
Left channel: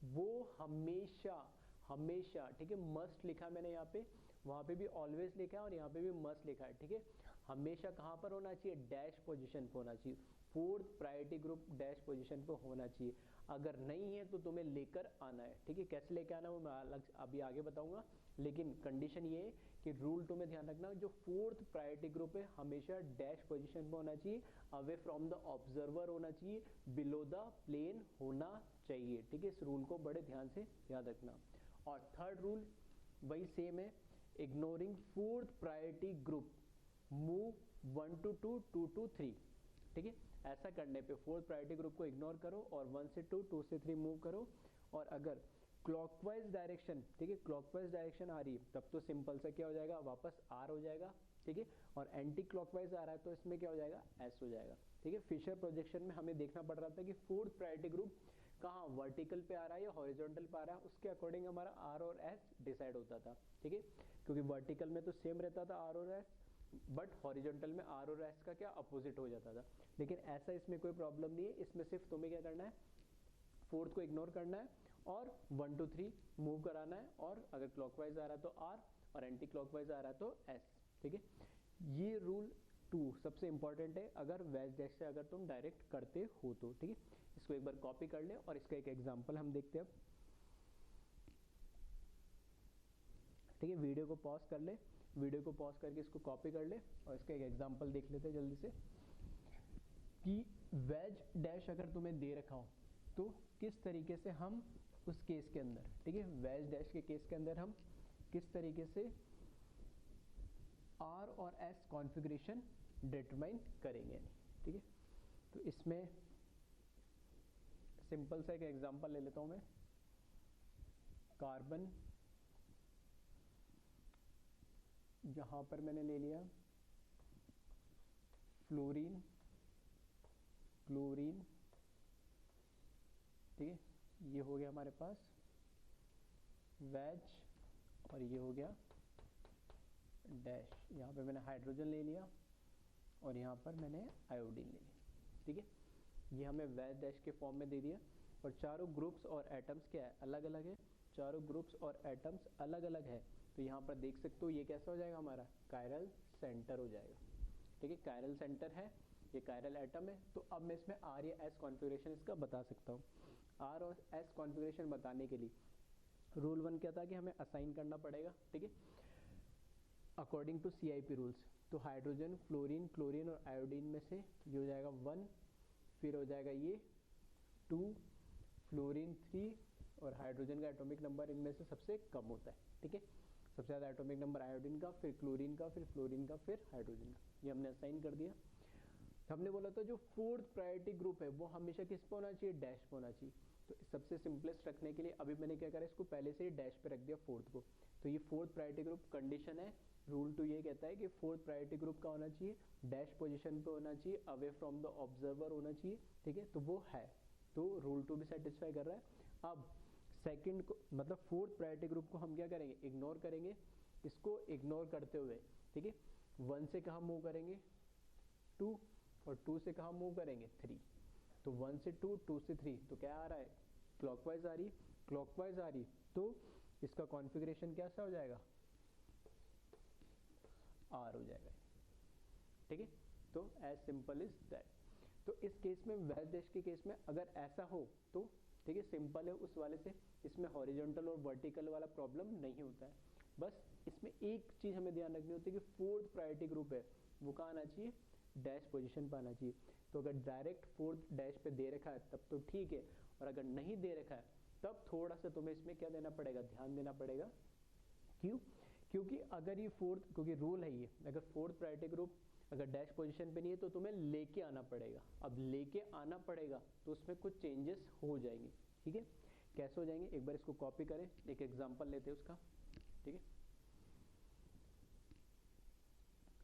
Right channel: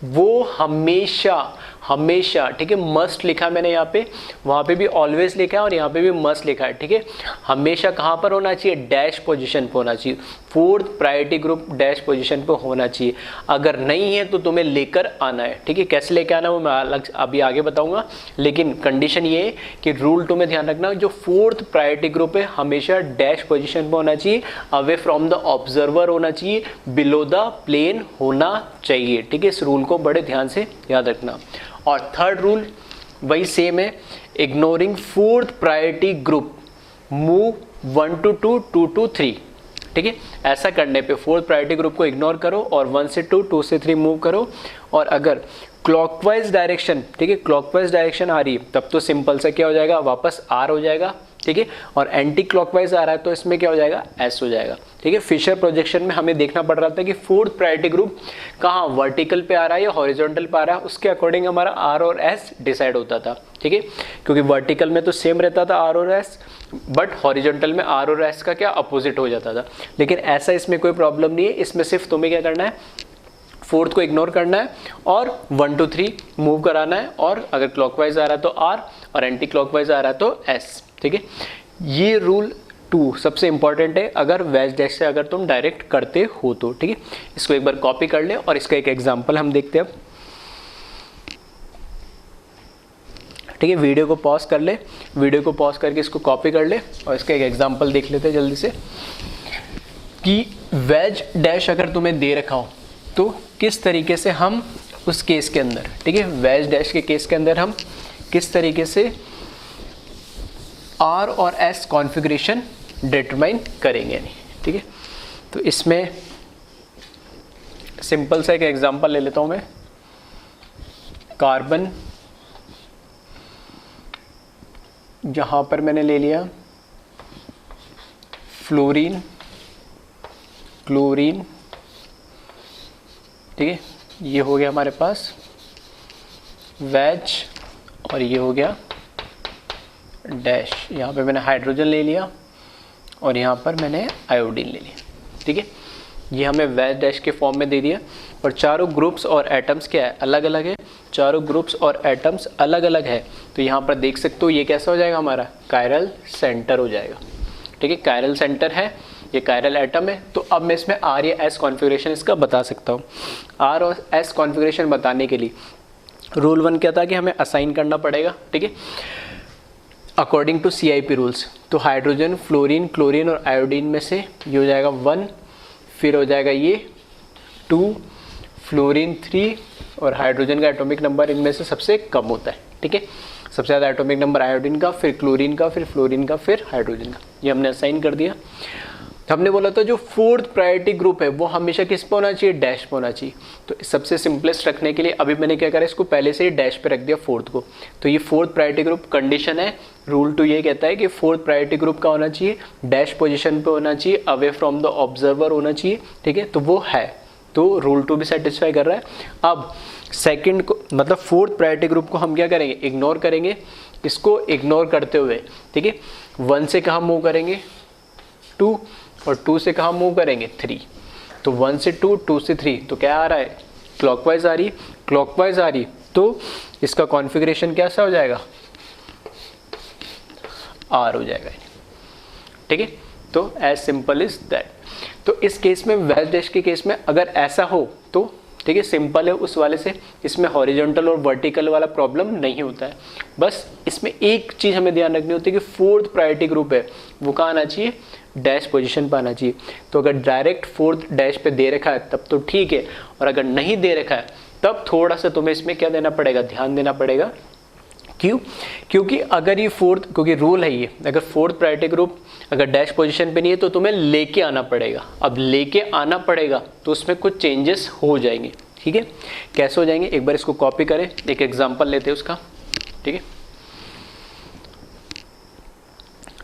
वो हमेशा, ठीक है, मस्ट लिखा मैंने यहाँ पे, वहाँ पे भी ऑलवेज लिखा है और यहाँ पे भी मस्ट लिखा है, ठीक है, हमेशा कहाँ पर होना चाहिए, डैश पोजीशन पे होना चाहिए, 4th priority group dash position पे होना चाहिए। अगर नहीं है तो तुम्हें लेकर आना है, ठीक है, कैसे लेकर आना वो मैं अलग अभी आगे बताऊंगा, लेकिन कंडीशन ये है कि रूल 2 में ध्यान रखना, जो 4th प्रायोरिटी ग्रुप है हमेशा डैश पोजीशन पे होना चाहिए, अवे फ्रॉम द ऑब्जर्वर होना चाहिए, बिलो द प्लेन होना चाहिए, ठीक है। इस रूल को बड़े ध्यान से याद रखना। और थर्ड रूल वही सेम है, ignoring 4th priority group move 1 to 2 2 to 3, ठीक है। ऐसा करने पे 4th प्रायोरिटी ग्रुप को इग्नोर करो और 1 से 2 2 से 3 मूव करो, और अगर क्लॉकवाइज डायरेक्शन, ठीक है, क्लॉकवाइज डायरेक्शन आ रही है तब तो सिंपल सा क्या हो जाएगा, वापस R हो जाएगा, ठीक है, और एंटी क्लॉकवाइज आ रहा है तो इसमें क्या हो जाएगा, S हो जाएगा, ठीक है। फिशर प्रोजेक्शन में हमें देखना पड़ रहा था कि 4th प्रायोरिटी ग्रुप कहाँ वर्टिकल पे आ रहा है या हॉरिजॉन्टल पे आ रहा है, उसके अकॉर्डिंग हमारा R और S डिसाइड होता था, ठीक है, क्योंकि वर्टिकल में तो सेम रहता था R और S, बट हॉरिजॉन्टल में R और S का क्या अपोजिट हो जाता था। लेकिन ऐसा इसमें कोई प्रॉब्लम नहीं है, इसमें सिर्फ तुम्हें क्या करना है, 4th को इग्नोर करना है और 1 to 3 मूव कराना है, और अगर क्लॉकवाइज आ रहा है तो R और एंटी क्लॉकवाइज आ रहा है तो S, ठीक है। ये रूल 2 सबसे इंपॉर्टेंट है अगर वेज डैश से अगर तुम डायरेक्ट करते हो तो, ठीक है। इसको एक बार कॉपी कर ले और इसका एक एग्जांपल हम देखते हैं अब, ठीक है। वीडियो को पॉज कर ले, वीडियो को पॉज करके इसको कॉपी कर ले और इसका एक एग्जांपल देख लेते हैं जल्दी से, कि वेज डैश अगर तुम्हें दे रखा हो तो किस तरीके से हम उस केस के अंदर, ठीक है, वेज डैश के केस के अंदर हम किस तरीके से R और S कॉन्फ़िगरेशन डिटरमाइन करेंगे, नहीं, ठीक है। तो इसमें सिंपल सा एक एग्जांपल ले लेता हूं मैं, कार्बन, जहां पर मैंने ले लिया फ्लोरीन, क्लोरीन, ठीक है, ये हो गया हमारे पास वेज, और ये हो गया डैश। यहाँ पे मैंने हाइड्रोजन ले लिया और यहाँ पर मैंने आयोडीन ले लिया, ठीक है। ये हमें वेज डैश के फॉर्म में दे दिया, और चारों ग्रुप्स और एटम्स क्या है, अलग अलग है, चारों ग्रुप्स और एटम्स अलग अलग है। तो यहाँ पर देख सकते हो ये कैसा हो जाएगा, हमारा कायरल सेंटर हो जाएगा, ठीक है, कायरल सेंटर है, ये कायरल एटम है। तो अब मैं इसमें R या S कॉन्फ़िगरेशन इसका बता सकता हूँ। R और S कॉन्फ़िगरेशन बताने के लिए रूल 1 क्या था कि हमें असाइन करना पड़ेगा, ठीक है, अकॉर्डिंग टू CIP रूल्स। तो हाइड्रोजन, फ्लोरीन, क्लोरीन और आयोडीन में से ये हो जाएगा 1, फिर हो जाएगा ये 2, फ्लोरीन 3 और हाइड्रोजन का एटॉमिक नंबर इनमें से सबसे कम होता है। ठीक है, सबसे ज़्यादा एटॉमिक नंबर आयोडीन का, फिर क्लोरीन का, फिर फ्लोरीन का, फिर हाइड्रोजन का। ये हमने असाइन कर दिया। हमने बोला था जो फोर्थ प्रायोरिटी ग्रुप है वो हमेशा किस पे होना चाहिए, डैश पे होना चाहिए। तो सबसे सिंपलेस्ट रखने के लिए अभी मैंने क्या करा, इसको पहले से ही डैश पे रख दिया फोर्थ को। तो ये फोर्थ प्रायोरिटी ग्रुप कंडीशन है। रूल 2 ये कहता है कि फोर्थ प्रायोरिटी ग्रुप का होना चाहिए, डैश पोजीशन पे होना चाहिए, अवे फ्रॉम द ऑब्जर्वर होना चाहिए। ठीक है, तो वो है, तो रूल 2 भी सेटिस्फाई कर रहा है। अब सेकंड को मतलब फोर्थ प्रायोरिटी ग्रुप को हम क्या करेंगे, इग्नोर करेंगे। इसको इग्नोर करते हुए ठीक है 1 से कहाँ मूव करेंगे, 2, और 2 से कहाँ मूव करेंगे, 3। तो 1 से 2, 2 से 3, तो क्या आ रहा है, क्लॉकवाइज आ रही, क्लॉकवाइज आ रही। तो इसका कॉन्फ़िगरेशन कैसा हो जाएगा, R हो जाएगा। ठीक है, तो एज सिंपल इज दैट। तो इस केस में वेज डैश के केस में अगर ऐसा हो तो ठीक है सिंपल है उस वाले से, इसमें हॉरिजॉन्टल और वर्टिकल वाला प्रॉब्लम नहीं होता है। बस इसमें एक चीज़ हमें ध्यान रखनी होती है कि फोर्थ प्रायोरिटी ग्रुप है वो कहाँ आना चाहिए, डैश पोजीशन पर आना चाहिए। तो अगर डायरेक्ट फोर्थ डैश पे दे रखा है तब तो ठीक है, और अगर नहीं दे रखा है तब थोड़ा सा तुम्हें इसमें क्या देना पड़ेगा, ध्यान देना पड़ेगा। क्यों, क्योंकि अगर ये फोर्थ, क्योंकि रूल है ये, अगर फोर्थ प्रायोरिटी ग्रुप अगर डैश पोजीशन पे नहीं है तो तुम्हें लेके आना पड़ेगा। अब लेके आना पड़ेगा तो उसमें कुछ चेंजेस हो जाएंगे। ठीक है, कैसे हो जाएंगे, एक बार इसको कॉपी करें, एक एग्जांपल लेते हैं उसका। ठीक है,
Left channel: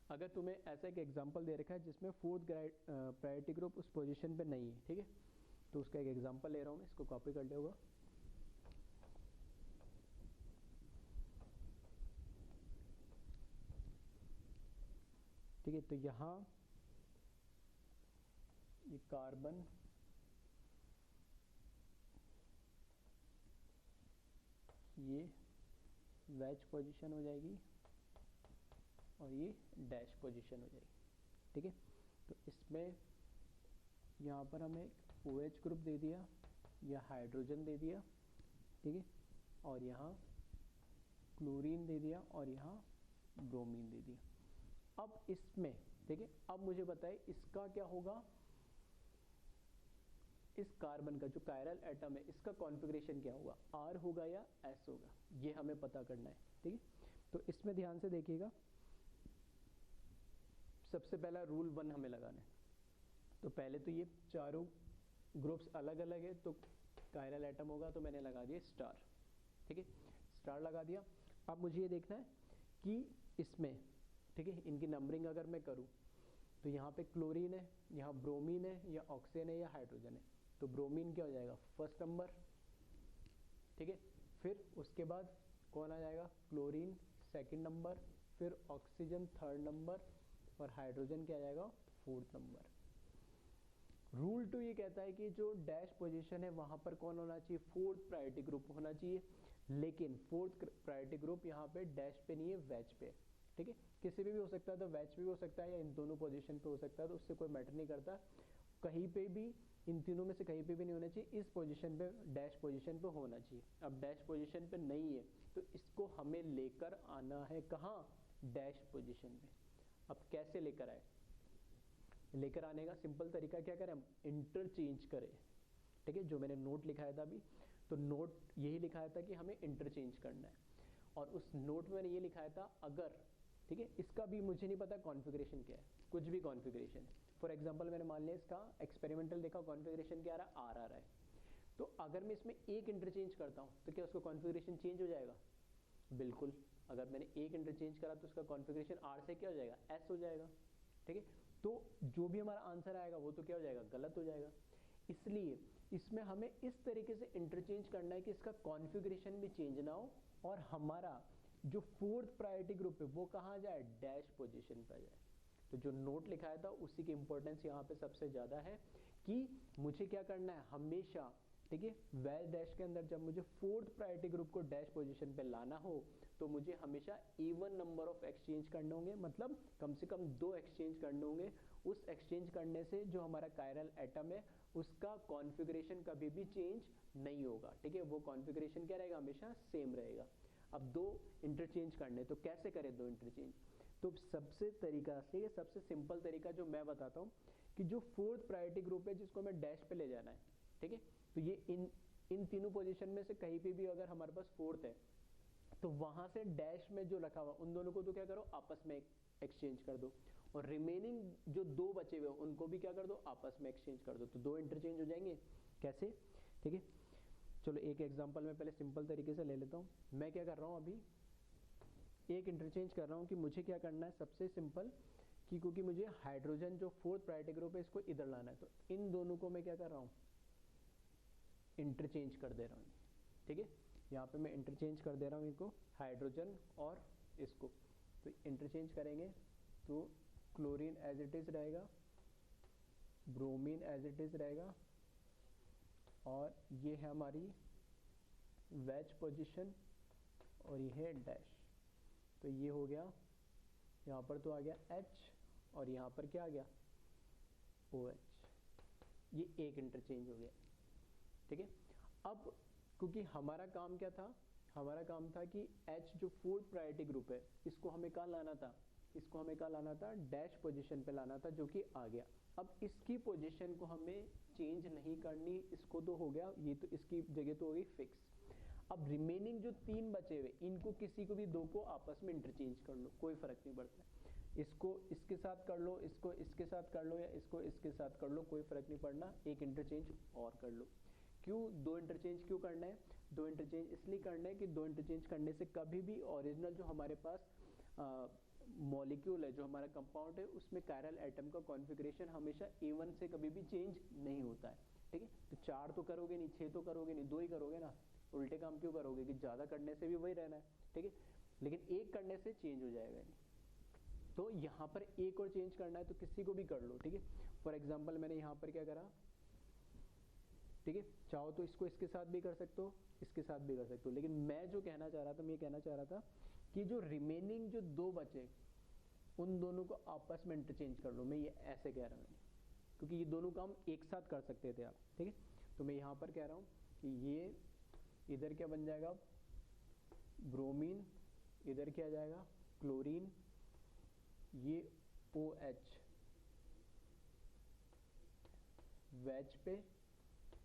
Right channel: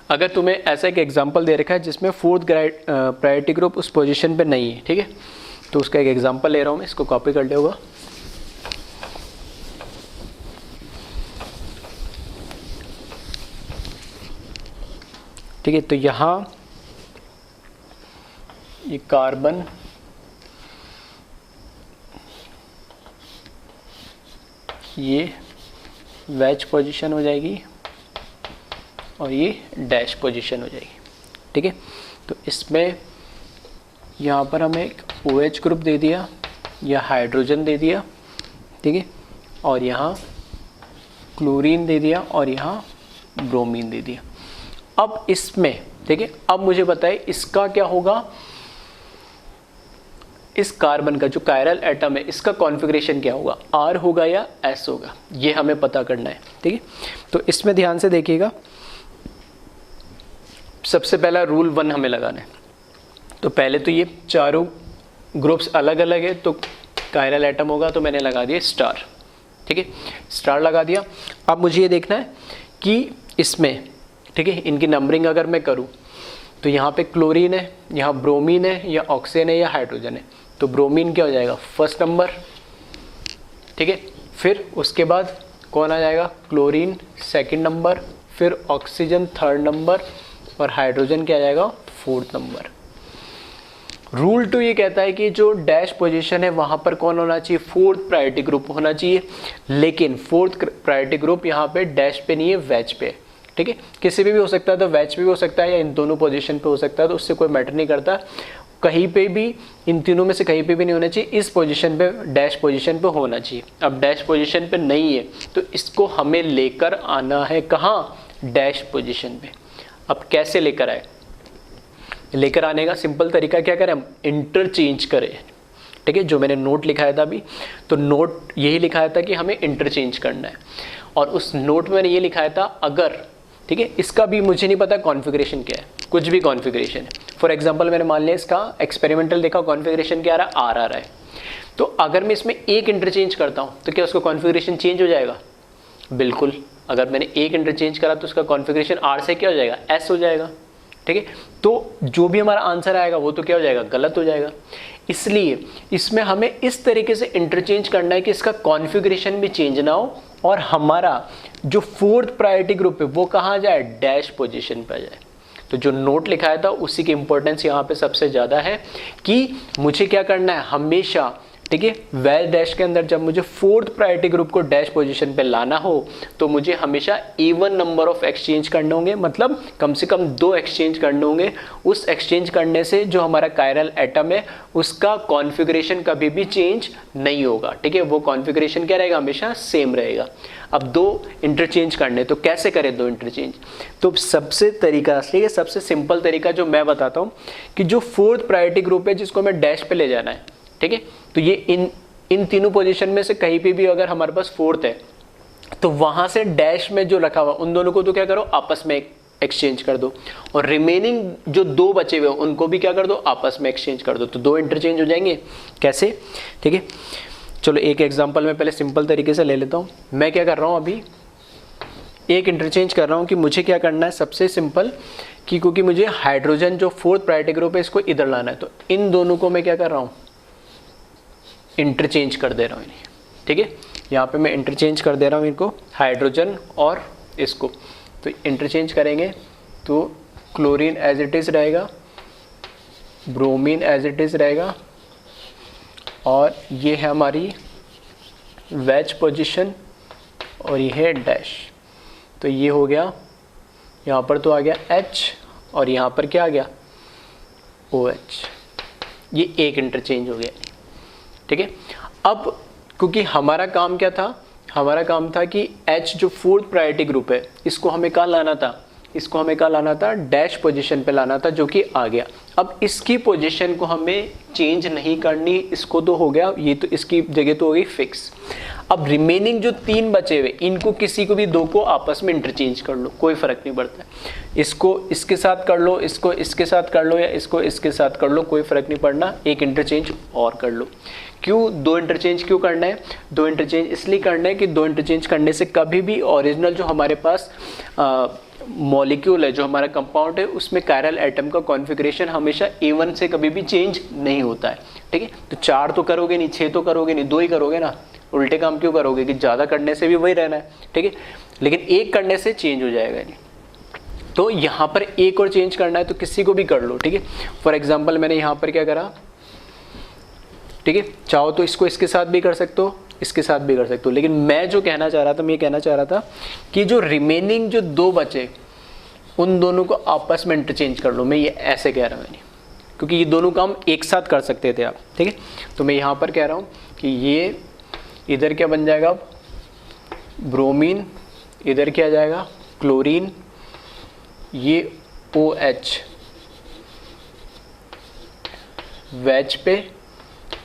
अगर तुम्हें ऐसा एक एग्जांपल दे रखा है जिसमें फोर्थ प्रायोरिटी ग्रुप उस पोजीशन पे नहीं है, ठीक है, तो उसका एक एग्जांपल ले रहा हूँ मैं, इसको कॉपी कर लिया। ठीक है, तो यहाँ ये कार्बन ये वेज पोजीशन हो जाएगी और ये डैश पोजीशन हो जाएगी। ठीक है, तो इसमें यहाँ पर हमें एक OH ग्रुप दे दिया या हाइड्रोजन दे दिया। ठीक है, और यहाँ क्लोरीन दे दिया और यहाँ ब्रोमीन दे दिया। अब इसमें ठीक है, अब मुझे बताए इसका क्या होगा, इस कार्बन का जो कायरल एटम है इसका कॉन्फ़िगरेशन क्या होगा, R होगा या S होगा, ये हमें पता करना है। ठीक है, तो इसमें ध्यान से देखिएगा, सबसे पहला रूल 1 हमें लगाना है। तो पहले तो ये चारों ग्रुप्स अलग अलग है, तो कायरल एटम होगा, तो मैंने लगा दिया स्टार। ठीक है, स्टार लगा दिया। अब मुझे ये देखना है कि इसमें ठीक है इनकी नंबरिंग अगर मैं करूं तो यहाँ पे क्लोरीन है, यहाँ ब्रोमीन है, या ऑक्सीजन है, या हाइड्रोजन है। तो ब्रोमीन क्या हो जाएगा, फर्स्ट नंबर। ठीक है, फिर उसके बाद कौन आ जाएगा, क्लोरीन सेकंड नंबर, फिर ऑक्सीजन थर्ड नंबर, और हाइड्रोजन क्या आ जाएगा, फोर्थ नंबर। रूल 2 ये कहता है कि जो डैश पोजीशन है वहाँ पर कौन होना चाहिए, फोर्थ प्रायोरिटी ग्रुप होना चाहिए। लेकिन फोर्थ प्रायोरिटी ग्रुप यहाँ पे डैश पे नहीं है, वेज पे है। ठीक है, किसी भी हो सकता है, तो वेज पे भी हो सकता है या इन दोनों पोजीशन पे हो सकता है, तो उससे कोई मैटर नहीं करता। कहीं पे भी, इन तीनों में से कहीं पे भी नहीं होना चाहिए, इस पोजीशन पे डैश पोजीशन पे होना चाहिए। अब डैश पोजीशन पे नहीं है तो इसको हमें लेकर आना है कहाँ, डैश पोजीशन पे। अब कैसे लेकर आए, लेकर आने का सिंपल तरीका क्या करें, हम इंटरचेंज करें। ठीक है, जो मैंने नोट लिखाया था अभी, तो नोट यही लिखाया था कि हमें इंटरचेंज करना है, और उस नोट में मैंने ये लिखाया था अगर ठीक है, इसका भी मुझे नहीं पता कॉन्फ़िगरेशन क्या है, कुछ भी कॉन्फ़िगरेशन है। फॉर एग्जांपल मैंने मान लिया इसका एक्सपेरिमेंटल देखा, कॉन्फ़िगरेशन क्या आ रहा है, R आ रहा है। तो अगर मैं इसमें एक इंटरचेंज करता हूँ तो क्या उसका कॉन्फ़िगरेशन चेंज हो जाएगा, बिल्कुल। अगर मैंने एक इंटरचेंज करा तो उसका कॉन्फ़िगरेशन R से क्या हो जाएगा, S हो जाएगा। ठीक है, तो जो भी हमारा आंसर आएगा वो तो क्या हो जाएगा, गलत हो जाएगा। इसलिए इसमें हमें इस तरीके से इंटरचेंज करना है कि इसका कॉन्फ़िगरेशन भी चेंज ना हो, और हमारा जो फोर्थ प्रायोरिटी ग्रुप है वो कहाँ जाए, डैश पोजीशन पर जाए। तो जो नोट लिखाया था उसी की इंपॉर्टेंस यहाँ पे सबसे ज़्यादा है कि मुझे क्या करना है हमेशा। ठीक है, वेज डैश के अंदर जब मुझे फोर्थ प्रायोरिटी ग्रुप को डैश पोजीशन पे लाना हो तो मुझे हमेशा इवन नंबर ऑफ एक्सचेंज करने होंगे, मतलब कम से कम 2 एक्सचेंज करने होंगे। उस एक्सचेंज करने से जो हमारा कायरल एटम है उसका कॉन्फ़िगरेशन कभी भी चेंज नहीं होगा। ठीक है, वो कॉन्फ़िगरेशन क्या रहेगा, हमेशा सेम रहेगा। अब 2 इंटरचेंज करने, तो कैसे करें 2 इंटरचेंज, तो सबसे तरीका, ठीक है, सबसे सिंपल तरीका जो मैं बताता हूँ कि जो फोर्थ प्रायोरिटी ग्रुप है जिसको हमें डैश पे ले जाना है, ठीक है। तो ये इन तीनों पोजीशन में से कहीं पे भी अगर हमारे पास फोर्थ है तो वहां से डैश में जो रखा हुआ उन दोनों को तो क्या करो आपस में एक्सचेंज कर दो, और रिमेनिंग जो दो बचे हुए उनको भी क्या कर दो आपस में एक्सचेंज कर दो, तो दो इंटरचेंज हो जाएंगे। कैसे? ठीक है, चलो एक एग्जांपल मैं पहले सिंपल तरीके से ले लेता हूँ। मैं क्या कर रहा हूँ, अभी एक इंटरचेंज कर रहा हूँ कि मुझे क्या करना है, सबसे सिंपल कि क्योंकि मुझे हाइड्रोजन जो फोर्थ प्रायोरिटी ग्रुप है इसको इधर लाना है, तो इन दोनों को मैं क्या कर रहा हूँ इंटरचेंज कर दे रहा हूँ इन्हें। ठीक है, यहाँ पे मैं इंटरचेंज कर दे रहा हूँ इनको, हाइड्रोजन और इसको, तो इंटरचेंज करेंगे तो क्लोरीन एज इट इज़ रहेगा, ब्रोमीन एज इट इज़ रहेगा, और ये है हमारी वेज पोजीशन और ये है डैश। तो ये हो गया, यहाँ पर तो आ गया H और यहाँ पर क्या आ गया OH, ये एक इंटरचेंज हो गया। ठीक है, अब क्योंकि हमारा काम क्या था, हमारा काम था कि H जो फोर्थ प्रायोरिटी ग्रुप है इसको हमें कहाँ लाना था, इसको हमें कहाँ लाना था डैश पोजीशन पे लाना था, जो कि आ गया। अब इसकी पोजीशन को हमें चेंज नहीं करनी, इसको तो हो गया, ये तो इसकी जगह तो हो गई फिक्स। अब रिमेनिंग जो तीन बचे हुए इनको किसी को भी दो को आपस में इंटरचेंज कर लो, कोई फर्क नहीं पड़ता। इसको इसके साथ कर लो, इसको इसके साथ कर लो, या इसको इसके साथ कर लो, कोई फर्क नहीं पड़ना, एक इंटरचेंज और कर लो। क्यों दो इंटरचेंज क्यों करना है? दो इंटरचेंज इसलिए करना है कि दो इंटरचेंज करने से कभी भी ओरिजिनल जो हमारे पास मॉलिक्यूल है, जो हमारा कंपाउंड है, उसमें कायरल एटम का कॉन्फ़िगरेशन हमेशा A1 से कभी भी चेंज नहीं होता है। ठीक है, तो 4 तो करोगे नहीं, 6 तो करोगे नहीं, 2 ही करोगे ना, उल्टे काम क्यों करोगे कि ज़्यादा करने से भी वही रहना है। ठीक है, लेकिन एक करने से चेंज हो जाएगा नहीं। तो यहाँ पर एक और चेंज करना है तो किसी को भी कर लो। ठीक है, फॉर एग्जाम्पल मैंने यहाँ पर क्या करा, ठीक है, चाहो तो इसको इसके साथ भी कर सकते हो, इसके साथ भी कर सकते हो, लेकिन मैं जो कहना चाह रहा था, मैं ये कहना चाह रहा था कि जो रिमेनिंग जो दो बचे उन दोनों को आपस में इंटरचेंज कर लो। मैं ये ऐसे कह रहा हूँ क्योंकि ये दोनों काम एक साथ कर सकते थे आप। ठीक है, तो मैं यहाँ पर कह रहा हूँ कि ये इधर क्या बन जाएगा, ब्रोमीन, इधर क्या आ जाएगा क्लोरीन, ये OH वेज पे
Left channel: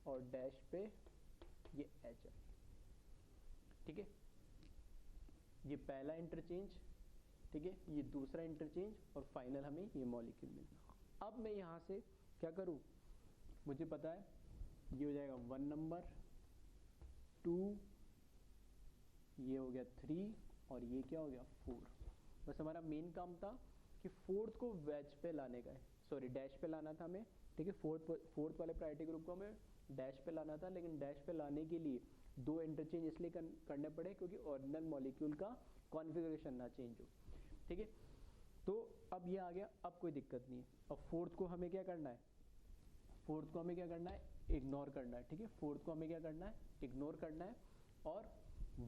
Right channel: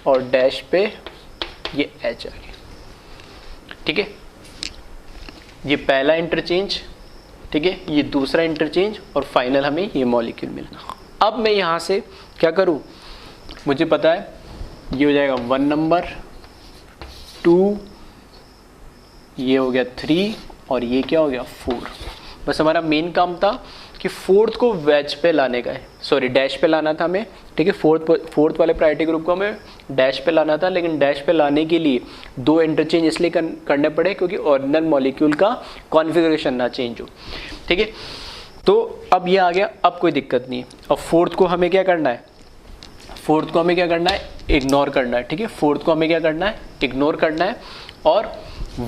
और डैश पे ये H आ गया। ठीक है, ये पहला इंटरचेंज, ठीक है, ये दूसरा इंटरचेंज, और फाइनल हमें ये मॉलिक्यूल मिला। अब मैं यहाँ से क्या करूँ, मुझे पता है ये हो जाएगा 1 नंबर, 2, ये हो गया 3, और ये क्या हो गया 4। बस हमारा मेन काम था कि फोर्थ को वेज पे लाने का है, सॉरी डैश पे लाना था हमें। ठीक है, फोर्थ वाले प्रायोरिटी ग्रुप को हमें डैश पे लाना था, लेकिन डैश पे लाने के लिए दो इंटरचेंज इसलिए करने पड़े क्योंकि ओरिजिनल मॉलिक्यूल का कॉन्फ़िगरेशन ना चेंज हो। ठीक है, तो अब ये आ गया, अब कोई दिक्कत नहीं है। अब फोर्थ को हमें क्या करना है, फोर्थ को हमें क्या करना है, इग्नोर करना है। ठीक है, फोर्थ को हमें क्या करना है, इग्नोर करना है, और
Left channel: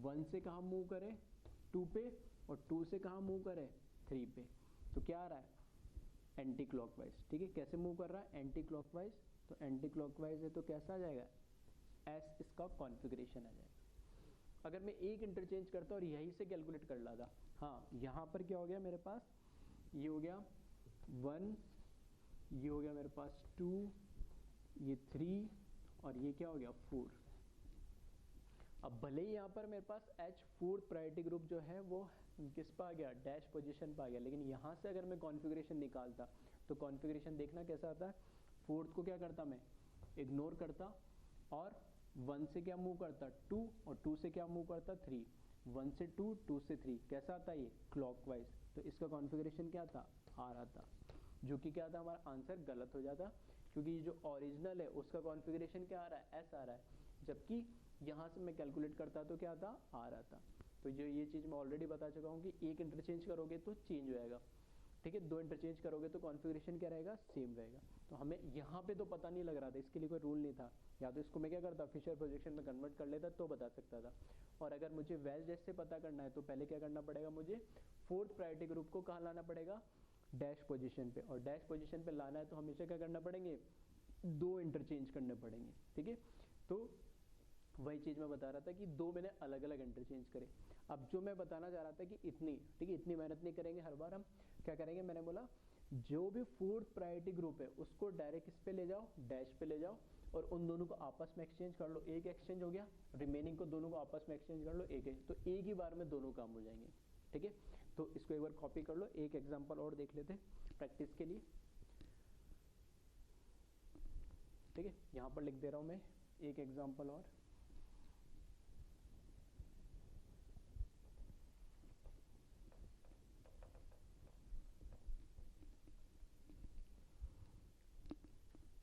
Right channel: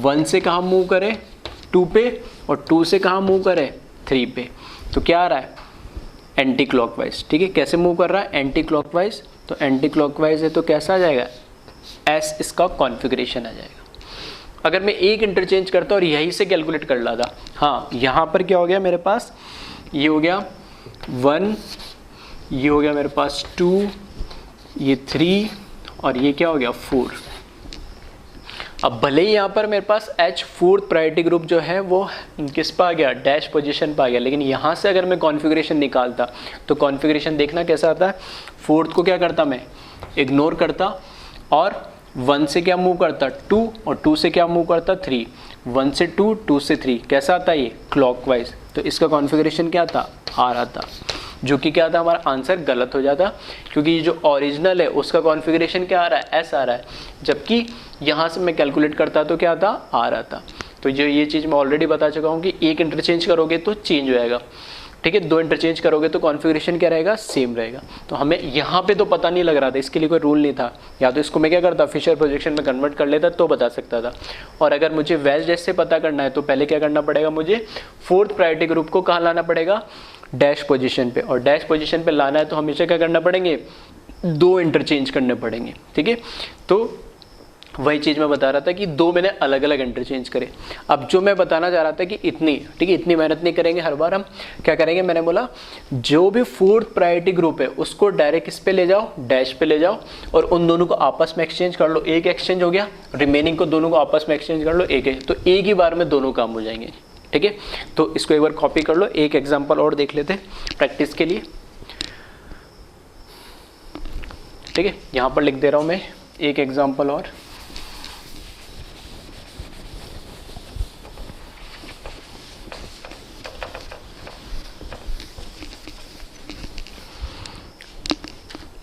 1 से कहाँ मूव करें 2 पे, और 2 से कहाँ मूव करें 3 पे। तो क्या आ रहा है एंटी क्लॉकवाइज। ठीक है, कैसे मूव कर रहा है एंटी क्लॉकवाइज, तो एंटी क्लॉकवाइज है तो कैसा आ जाएगा एस, इसका कॉन्फ़िगरेशन आ जाएगा। अगर मैं एक इंटरचेंज करता और यहीं से कैलकुलेट कर लाता, हाँ यहाँ पर क्या हो गया मेरे पास, ये हो गया 1, ये हो गया मेरे पास 2, ये 3, और ये क्या हो गया 4। अब भले ही यहाँ पर मेरे पास H फोर्थ प्रायोरिटी ग्रुप जो है वो किस पर आ गया, डैश पोजीशन पर आ गया, लेकिन यहाँ से अगर मैं कॉन्फ़िगरेशन निकालता तो कॉन्फ़िगरेशन देखना कैसा आता है, फोर्थ को क्या करता मैं इग्नोर करता, और 1 से क्या मूव करता 2, और 2 से क्या मूव करता 3, 1 से 2, 2 से 3, कैसा आता है ये क्लॉकवाइज। तो इसका कॉन्फ़िगरेशन क्या था R आता, जो कि क्या था हमारा आंसर गलत हो जाता, क्योंकि ये जो ओरिजिनल है उसका कॉन्फ़िगरेशन क्या आ रहा है S आ रहा है, जबकि यहाँ से मैं कैलकुलेट करता तो क्या आता R आता। तो जो ये चीज़ मैं ऑलरेडी बता चुका हूँ कि एक इंटरचेंज करोगे तो चेंज हो जाएगा। ठीक है, 2 इंटरचेंज करोगे तो कॉन्फ़िगरेशन क्या रहेगा सेम रहेगा। तो हमें यहाँ पे तो पता नहीं लग रहा था, इसके लिए कोई रूल नहीं था, या तो इसको मैं क्या करता फिशर प्रोजेक्शन में कन्वर्ट कर लेता तो बता सकता था। और अगर मुझे वेज डैश से पता करना है तो पहले क्या करना पड़ेगा, मुझे फोर्थ प्रायोरिटी ग्रुप को कहाँ लाना पड़ेगा डैश पोजीशन पे, और डैश पोजीशन पे लाना है तो हमेशा क्या करना पड़ेंगे 2 इंटरचेंज करने पड़ेंगे। ठीक है, तो वही चीज़ मैं बता रहा था कि दो मैंने अलग अलग इंटरचेंज करे। अब जो मैं बताना चाह रहा था कि इतनी, ठीक है, इतनी मेहनत नहीं करेंगे हर बार। हम क्या करेंगे, मैंने बोला जो भी फोर्थ प्रायोरिटी ग्रुप है उसको डायरेक्ट इस पे ले जाओ, डैश पे ले जाओ और उन दोनों को आपस में एक्सचेंज कर लो। एक एक्सचेंज हो गया, रिमेनिंग को दोनों को आपस में एक्सचेंज कर लो, एक तो एक ही बार में दोनों काम हो जाएंगे। ठीक है, तो इसको एक बार कॉपी कर लो। एक एग्जाम्पल और देख लेते हैं प्रैक्टिस के लिए। ठीक है, यहाँ पर लिख दे रहा हूँ मैं एक एग्जाम्पल और।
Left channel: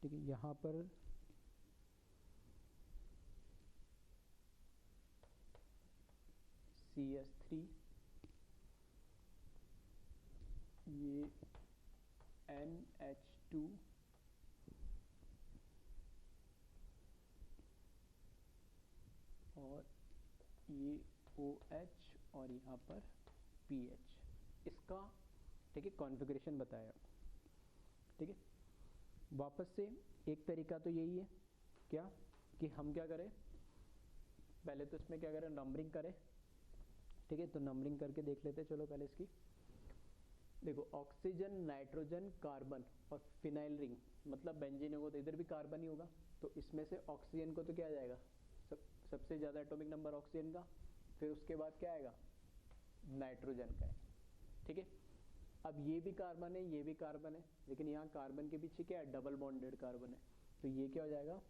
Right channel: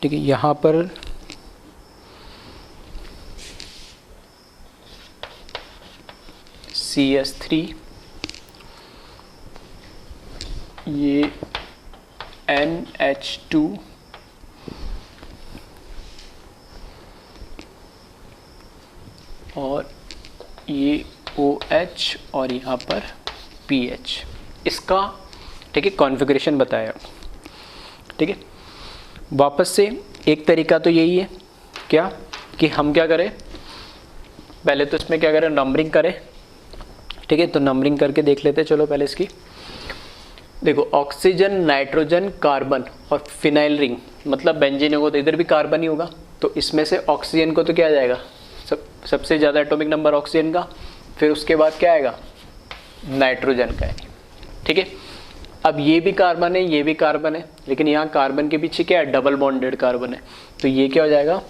ठीक है, यहाँ पर CS3, ये NH2 और ये OH और यहाँ पर PH, इसका ठीक है कॉन्फ़िगरेशन बताया। ठीक है, वापस से एक तरीका तो यही है क्या कि हम क्या करें, पहले तो इसमें क्या करें, नंबरिंग करें। ठीक है, तो नंबरिंग करके देख लेते हैं। चलो पहले इसकी देखो, ऑक्सीजन, नाइट्रोजन, कार्बन और फिनाइल रिंग, मतलब बेंजीन होगा तो इधर भी कार्बन ही होगा। तो इसमें से ऑक्सीजन को तो क्या आ जाएगा, सबसे ज़्यादा एटॉमिक नंबर ऑक्सीजन का, फिर उसके बाद क्या आएगा, नाइट्रोजन का है। ठीक है, अब ये भी कार्बन है, ये भी कार्बन है, लेकिन यहाँ कार्बन के पीछे क्या है, डबल बॉन्डेड कार्बन है। तो ये क्या हो जाएगा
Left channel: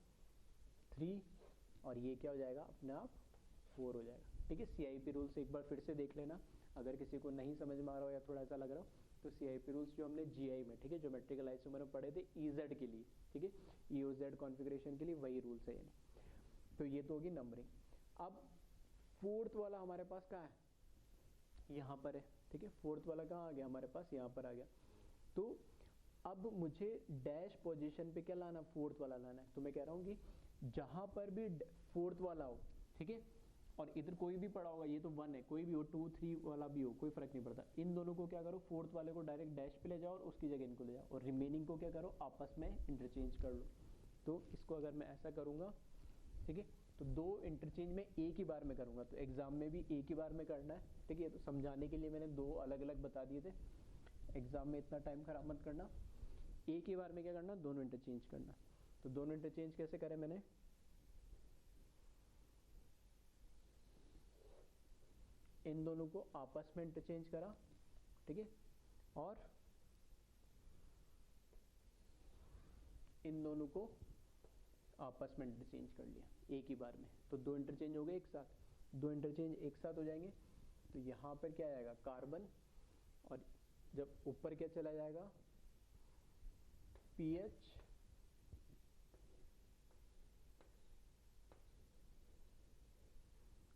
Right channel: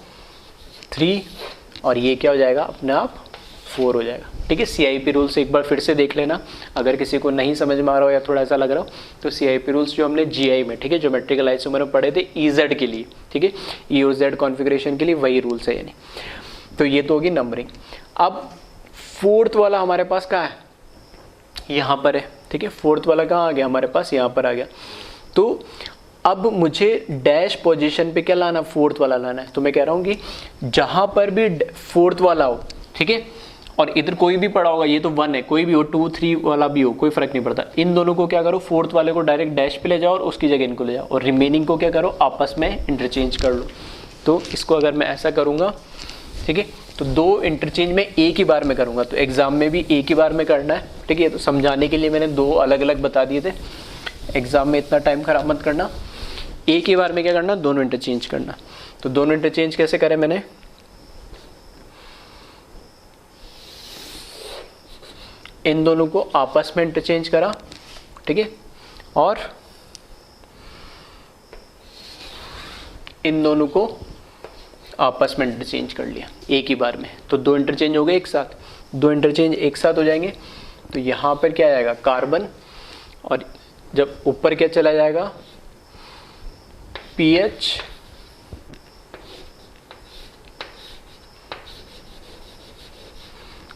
3 और ये क्या हो जाएगा अपने आप 4 हो जाएगा। ठीक है, CIP रूल्स एक बार फिर से देख लेना अगर किसी को नहीं समझ में आ रहा हो या थोड़ा ऐसा लग रहा हो तो। CIP रूल्स जो हमने GI में, ठीक है, ज्योमेट्रिकल आइसोमर में पढ़े थे EZ के लिए, ठीक है, EOZ कॉन्फ़िगरेशन के लिए वही रूल्स है यानी। तो ये तो होगी नंबरिंग। अब फोर्थ वाला हमारे पास कहाँ है, यहाँ पर है। ठीक है, फोर्थ वाला कहाँ आ गया हमारे पास, यहाँ पर आ गया। तो अब मुझे डैश पोजीशन पे क्या लाना, फोर्थ वाला लाना है। तो मैं कह रहा हूँ कि जहाँ पर भी फोर्थ वाला हो, ठीक है, और इधर कोई भी पड़ा होगा, ये तो 1 है, कोई भी हो, 2, 3 वाला भी हो, कोई फर्क नहीं पड़ता। इन दोनों को क्या करो, फोर्थ वाले को डायरेक्ट डैश पे ले जाओ और उसकी जगह इनको ले जाओ, और रिमेनिंग को क्या करो, आपस में इंटरचेंज कर लो। तो इसको अगर मैं ऐसा करूँगा, ठीक है, तो 2 इंटरचेंज में एक ही बार में करूँगा। तो एग्जाम में भी एक ही बार में करना है। ठीक है, तो समझाने के लिए मैंने 2 अलग अलग बता दिए थे। एग्जाम में इतना टाइम खराब मत करना, एक ही बार में क्या करना, दोनों इंटरचेंज करना। तो दोनों इंटरचेंज कैसे करें, मैंने इन दोनों को आपस में इंटरचेंज करा, ठीक है, और इन दोनों को आपस में इंटरचेंज कर लिया एक ही बार में। तो 2 इंटरचेंज हो गए एक साथ, 2 इंटरचेंज एक साथ हो जाएंगे। तो यहाँ पर क्या आएगा, कार्बन, और जब ऊपर क्या चला जाएगा, PH,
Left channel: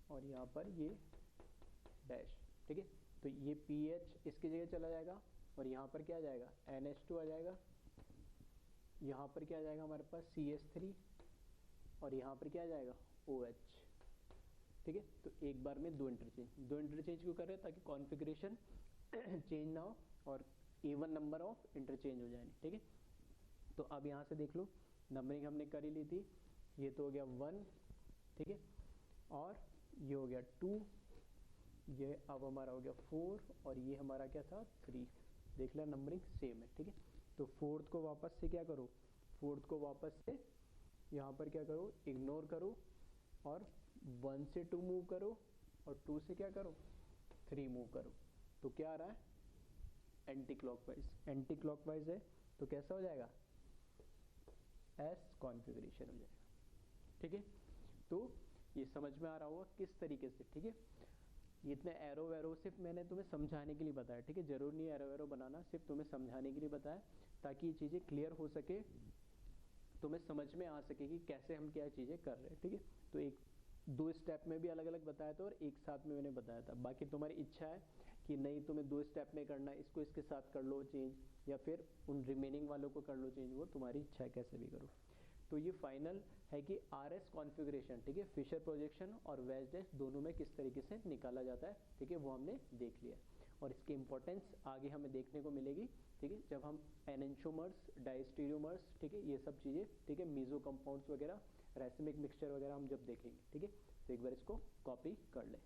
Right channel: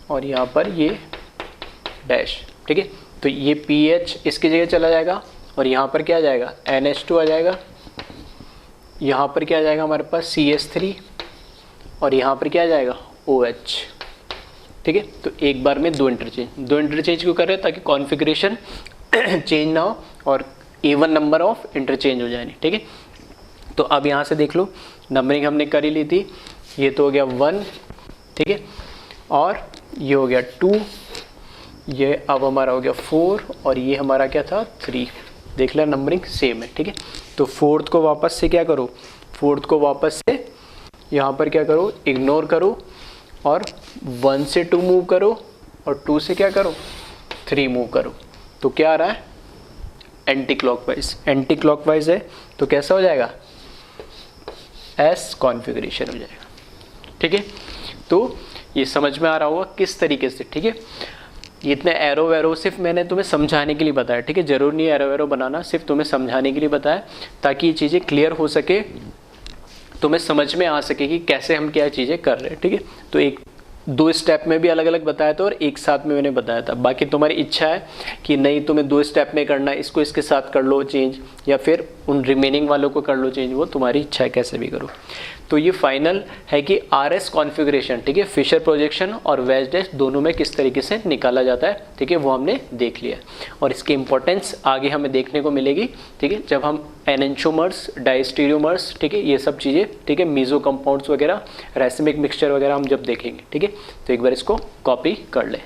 और यहाँ पर ये डैश। ठीक है, तो ये PH इसकी जगह चला जाएगा और यहाँ पर क्या आ जाएगा, NH2 आ जाएगा। यहाँ पर क्या आ जाएगा हमारे पास, CS3, और यहाँ पर क्या आ जाएगा, OH। ठीक है, तो एक बार में 2 इंटरचेंज क्यों कर रहे हैं, ताकि कॉन्फ़िगरेशन चेंज ना हो और इवन नंबर ऑफ इंटरचेंज हो जाए। ठीक है, तो अब यहाँ से देख लो, नंबरिंग हमने कर ही ली थी। ये तो हो गया 1, ठीक है, और ये हो गया 2, ये अब हमारा हो गया 4, और ये हमारा क्या था 3। देख लिया, नंबरिंग सेम है। ठीक है, तो फोर्थ को वापस से क्या करो, फोर्थ को वापस से यहाँ पर क्या करो, इग्नोर करो, और 1 से 2 मूव करो, और 2 से क्या करो, 3 मूव करो। तो क्या आ रहा है, एंटी क्लॉकवाइज है। तो कैसा हो जाएगा, S कॉन्फ़िगरेशन हो जाएगा। ठीक है, तो ये समझ में आ रहा होगा किस तरीके से। ठीक है, ये इतने एरो वैरो सिर्फ मैंने तुम्हें समझाने के लिए बताया। ठीक है, जरूर नहीं एरो वैरो बनाना, सिर्फ तुम्हें समझाने के लिए बताया, ताकि ये चीज़ें क्लियर हो सके, तुम्हें समझ में आ सके कि कैसे हम क्या चीज़ें कर रहे हैं। ठीक है, तो एक दो स्टेप में भी अलग अलग बताया था और एक साथ में मैंने बताया था। बाकी तुम्हारी इच्छा है कि नहीं तुम्हें दो स्टेप में करना है, इसको इसके साथ कर लो चेंज, या फिर उन रिमेनिंग वालों को कर लो चेंज, वो तुम्हारी इच्छा है, कैसे भी करो। तो ये फाइनल है कि RS कॉन्फ़िगरेशन, ठीक है, फिशर प्रोजेक्शन और वेज डैश दोनों में किस तरीके से निकाला जाता है, ठीक है, वो हमने देख लिया। और इसकी इंपॉर्टेंस आगे हमें देखने को मिलेगी, ठीक है, जब हम एनेंटियोमर्स, डायस्टीरियोमर्स, ठीक है, ये सब चीज़ें, ठीक है, मीजो कंपाउंड्स वगैरह, रैसिमिक मिक्सचर वगैरह हम जब देखेंगे, ठीक है। तो एक बार इसको कॉपी कर लें।